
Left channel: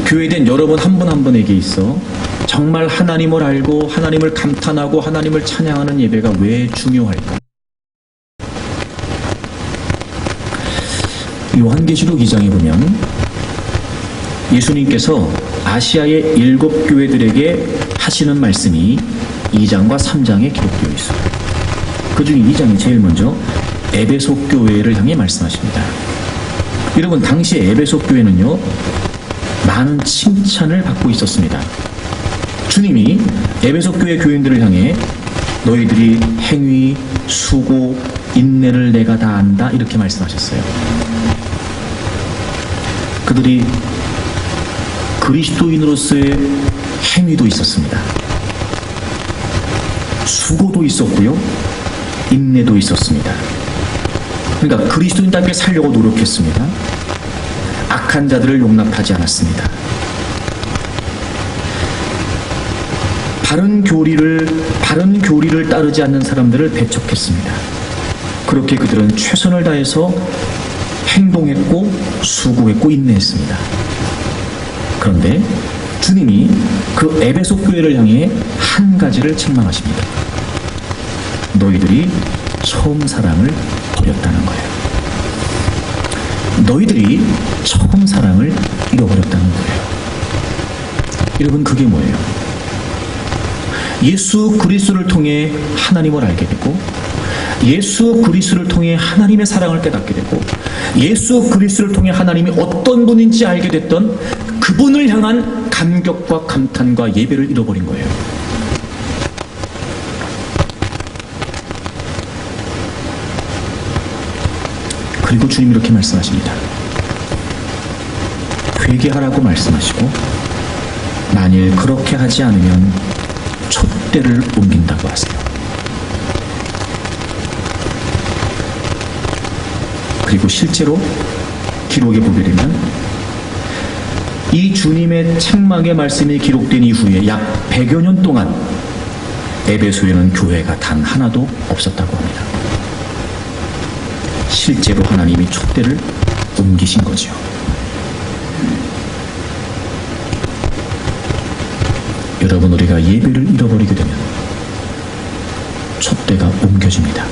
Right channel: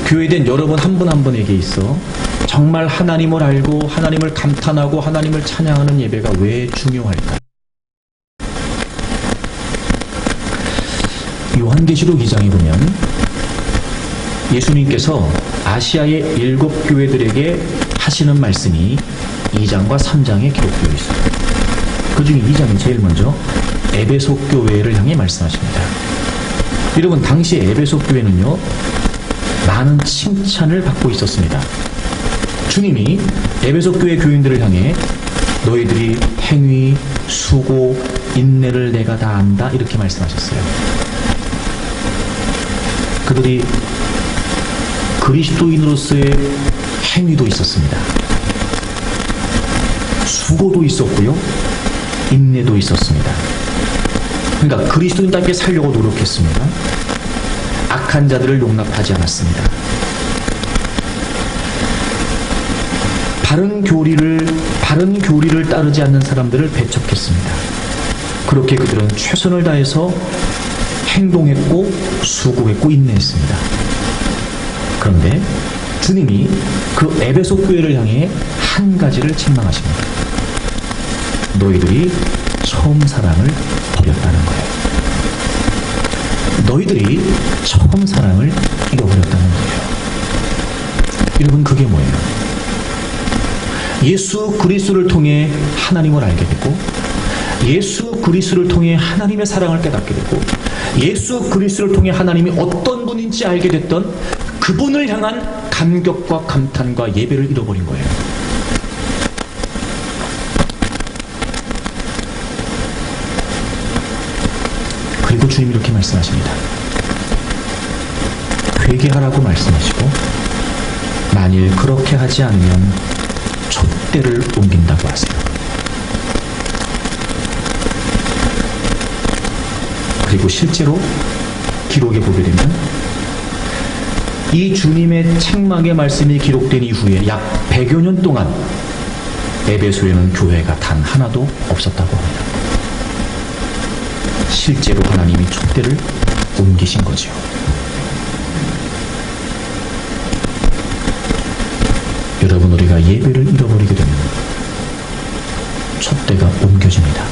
교회된 여러분 한 분 한 분에게 있어 정말 하나님을 알고 하나님을 감탄하고 하나님을 찬양하는 예배가 왜 중요할까? 요한계시록 2장에 보면 예수님께서 아시아의 7교회들에게 하시는 말씀이 2장과 3장에 기록되어 있어요. 그 중에 2장이 제일 먼저 에베소 교회를 향해 말씀하십니다. 여러분, 당시 에베소 교회는요, 많은 칭찬을 받고 있었습니다. 주님이 에베소 교회 교인들을 향해 너희들이 행위, 수고, 인내를 내가 다 안다 이렇게 말씀하셨어요. 그들이 그리스도인으로서의 행위도 있었습니다. 수고도 있었고요, 인내도 있었습니다. 그러니까 그리스도인답게 살려고 노력했습니다. 악한 자들을 용납하지 않았습니다. 바른 교리를 따르지 않는 사람들을 배척했습니다. 그렇게 그들은 최선을 다해서 행동했고 수고했고 인내했습니다. 그런데 주님이 그 에베소 교회를 향해 한 가지를 책망하십니다. 너희들이 처음 사랑을 버렸다는 거예요. 너희들이 처음 사랑을 잃어버렸다는 거예요. 여러분, 그게 뭐예요? 예수 그리스도를 통해 하나님을 알게 되고, 예수 그리스도를 통해 하나님의 사랑을 깨닫게 되고, 예수 그리스도를 통해 하나님이 어떤 분인지 알게 됐던 그분을 향한 감격과 감탄과 예배를 잃어버린 거예요. 그리고 주님이 이렇게 말씀하십니다. 회개하라고 말씀하시고, 만일 그렇게 하지 않으면 촛대를 옮긴다고 하세요. 그리고 실제로 기록에 보게 되면 이 주님의 책망의 말씀이 기록된 이후에 약 100여 년 동안 에베소에는 교회가 단 하나도 없었다고 합니다. 실제로 하나님이 촛대를 옮기신 거죠. 여러분, 우리가 예배를 잃어버리게 되면 촛대가 옮겨집니다.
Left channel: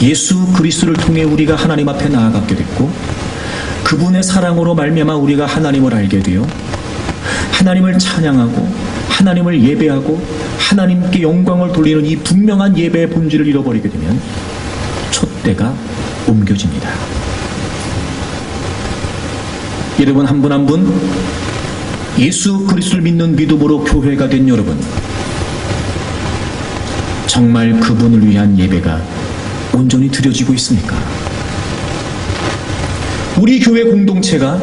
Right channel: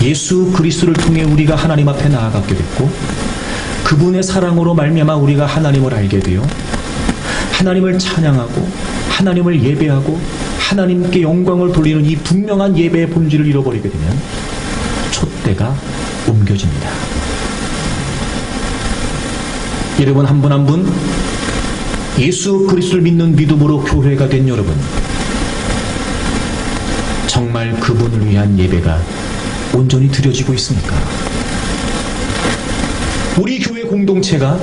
예수 그리스도를 통해 우리가 하나님 앞에 나아가게 됐고, 그분의 사랑으로 말미암아 우리가 하나님을 알게 되어 하나님을 찬양하고 하나님을 예배하고 하나님께 영광을 돌리는 이 분명한 예배의 본질을 잃어버리게 되면 촛대가 옮겨집니다. 여러분, 한 분 한 분 예수 그리스도를 믿는 믿음으로 교회가 된 여러분, 정말 그분을 위한 예배가 온전히 드려지고 있습니까? 우리 교회 공동체가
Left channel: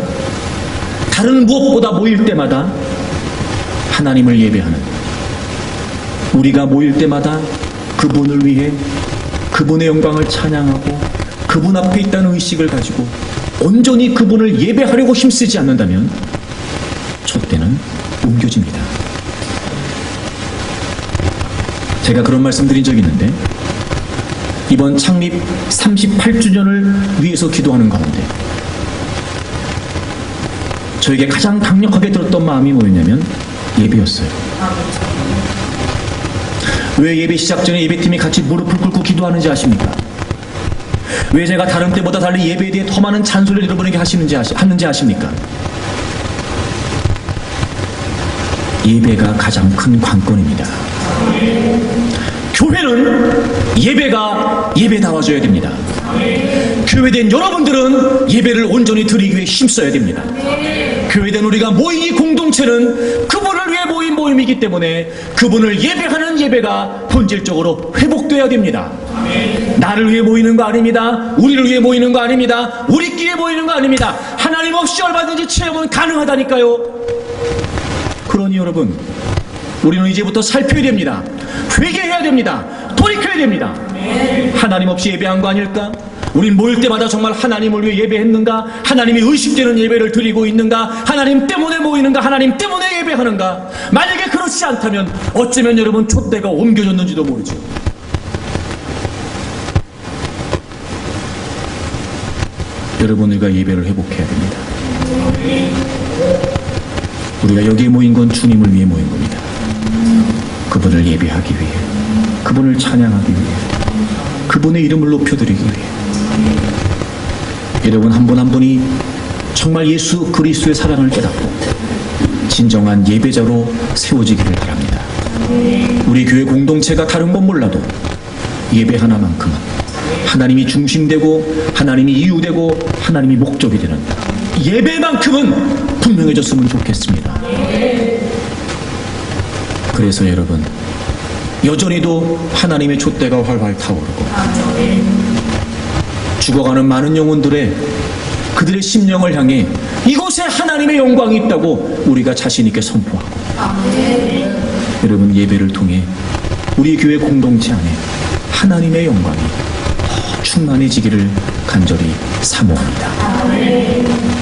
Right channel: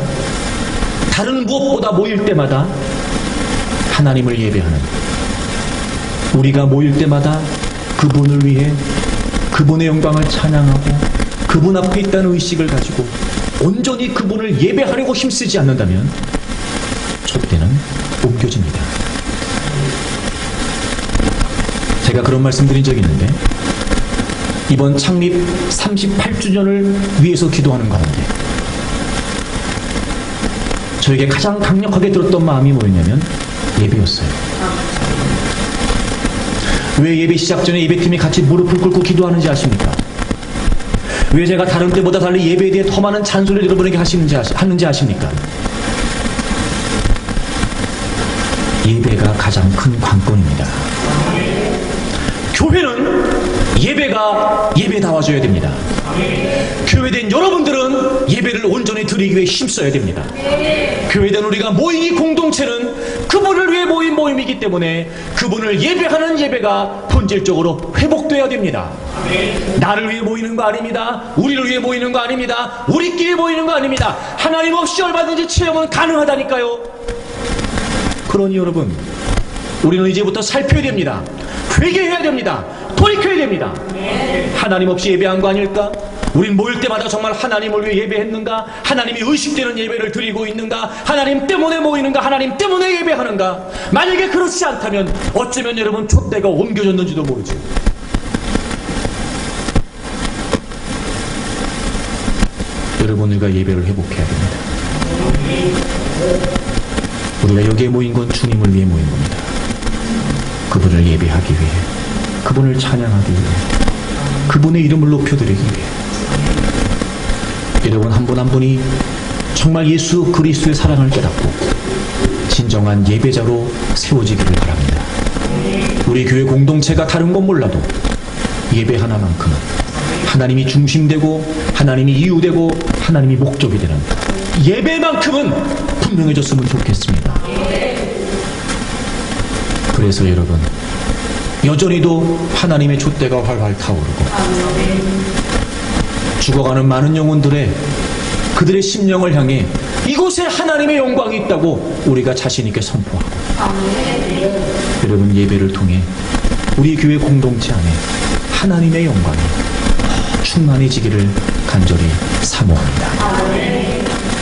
다른 무엇보다 모일 때마다 하나님을 예배하는, 우리가 모일 때마다 그분을 위해 그분의 영광을 찬양하고 그분 앞에 있다는 의식을 가지고 온전히 그분을 예배하려고 힘쓰지 않는다면 촛대는 옮겨집니다. 제가 그런 말씀 드린 적이 있는데, 이번 창립 38주년을 위해서 기도하는 가운데 저에게 가장 강력하게 들었던 마음이 뭐였냐면 예배였어요. 왜 예배 시작 전에 예배팀이 같이 무릎을 꿇고 기도하는지 아십니까? 왜 제가 다른 때보다 달리 예배에 대해 더 많은 잔소리를 여러분에게 하는지 아십니까? 예배가 가장 큰 관건입니다. 교회는 예배가 예배다워져야 됩니다. 교회된 여러분들은 예배를 온전히 드리기 위해 힘써야 됩니다. 교회된 우리가 모인 이 공동체는 그분을 위해 모인 모임이기 때문에 그분을 예배하는 예배가 본질적으로 회복돼야 됩니다. 나를 위해 모이는 거 아닙니다. 우리를 위해 모이는 거 아닙니다. 우리끼리 모이는 거 아닙니다. 하나님 없이 얼마든지 체험은 가능하다니까요. 그러니 여러분, 우리는 이제부터 살펴야 됩니다. 회개해야 됩니다. 돌이켜야 됩니다. 하나님 없이 예배한 거 아닐까? 우린 모일 때마다 정말 하나님을 위해 예배했는가? 하나님이 의식되는 예배를 드리고 있는가? 하나님 때문에 모이는가? 하나님 때문에 예배하는가? 만약에 그렇지 않다면 어쩌면 여러분 촛대가 옮겨졌는지도 모르죠. 여러분, 우리가 예배를 회복해야 됩니다. 우리가 여기에 모인 건 주님을 위해 모인 겁니다. 그분을 예배하기 위해, 그분을 찬양하기 위해, 그분의 이름을 높여드리기 위해. 여러분, 한 분 한 분이 정말 예수 그리스도의 사랑을 깨닫고 진정한 예배자로 세워지기를 바랍니다. 우리 교회 공동체가 다른 건 몰라도 예배 하나만큼은 하나님이 중심되고 하나님이 이유되고 하나님이 목적이 되는 예배만큼은 분명해졌으면 좋겠습니다. 그래서 여러분, 여전히도 하나님의 촛대가 활활 타오르고 죽어가는 많은 영혼들의 그들의 심령을 향해 이곳에 하나님의 영광이 있다고 우리가 자신 있게 선포하고, 여러분, 예배를 통해 우리 교회 공동체 안에 하나님의 영광이 충만해지기를 간절히 사모합니다.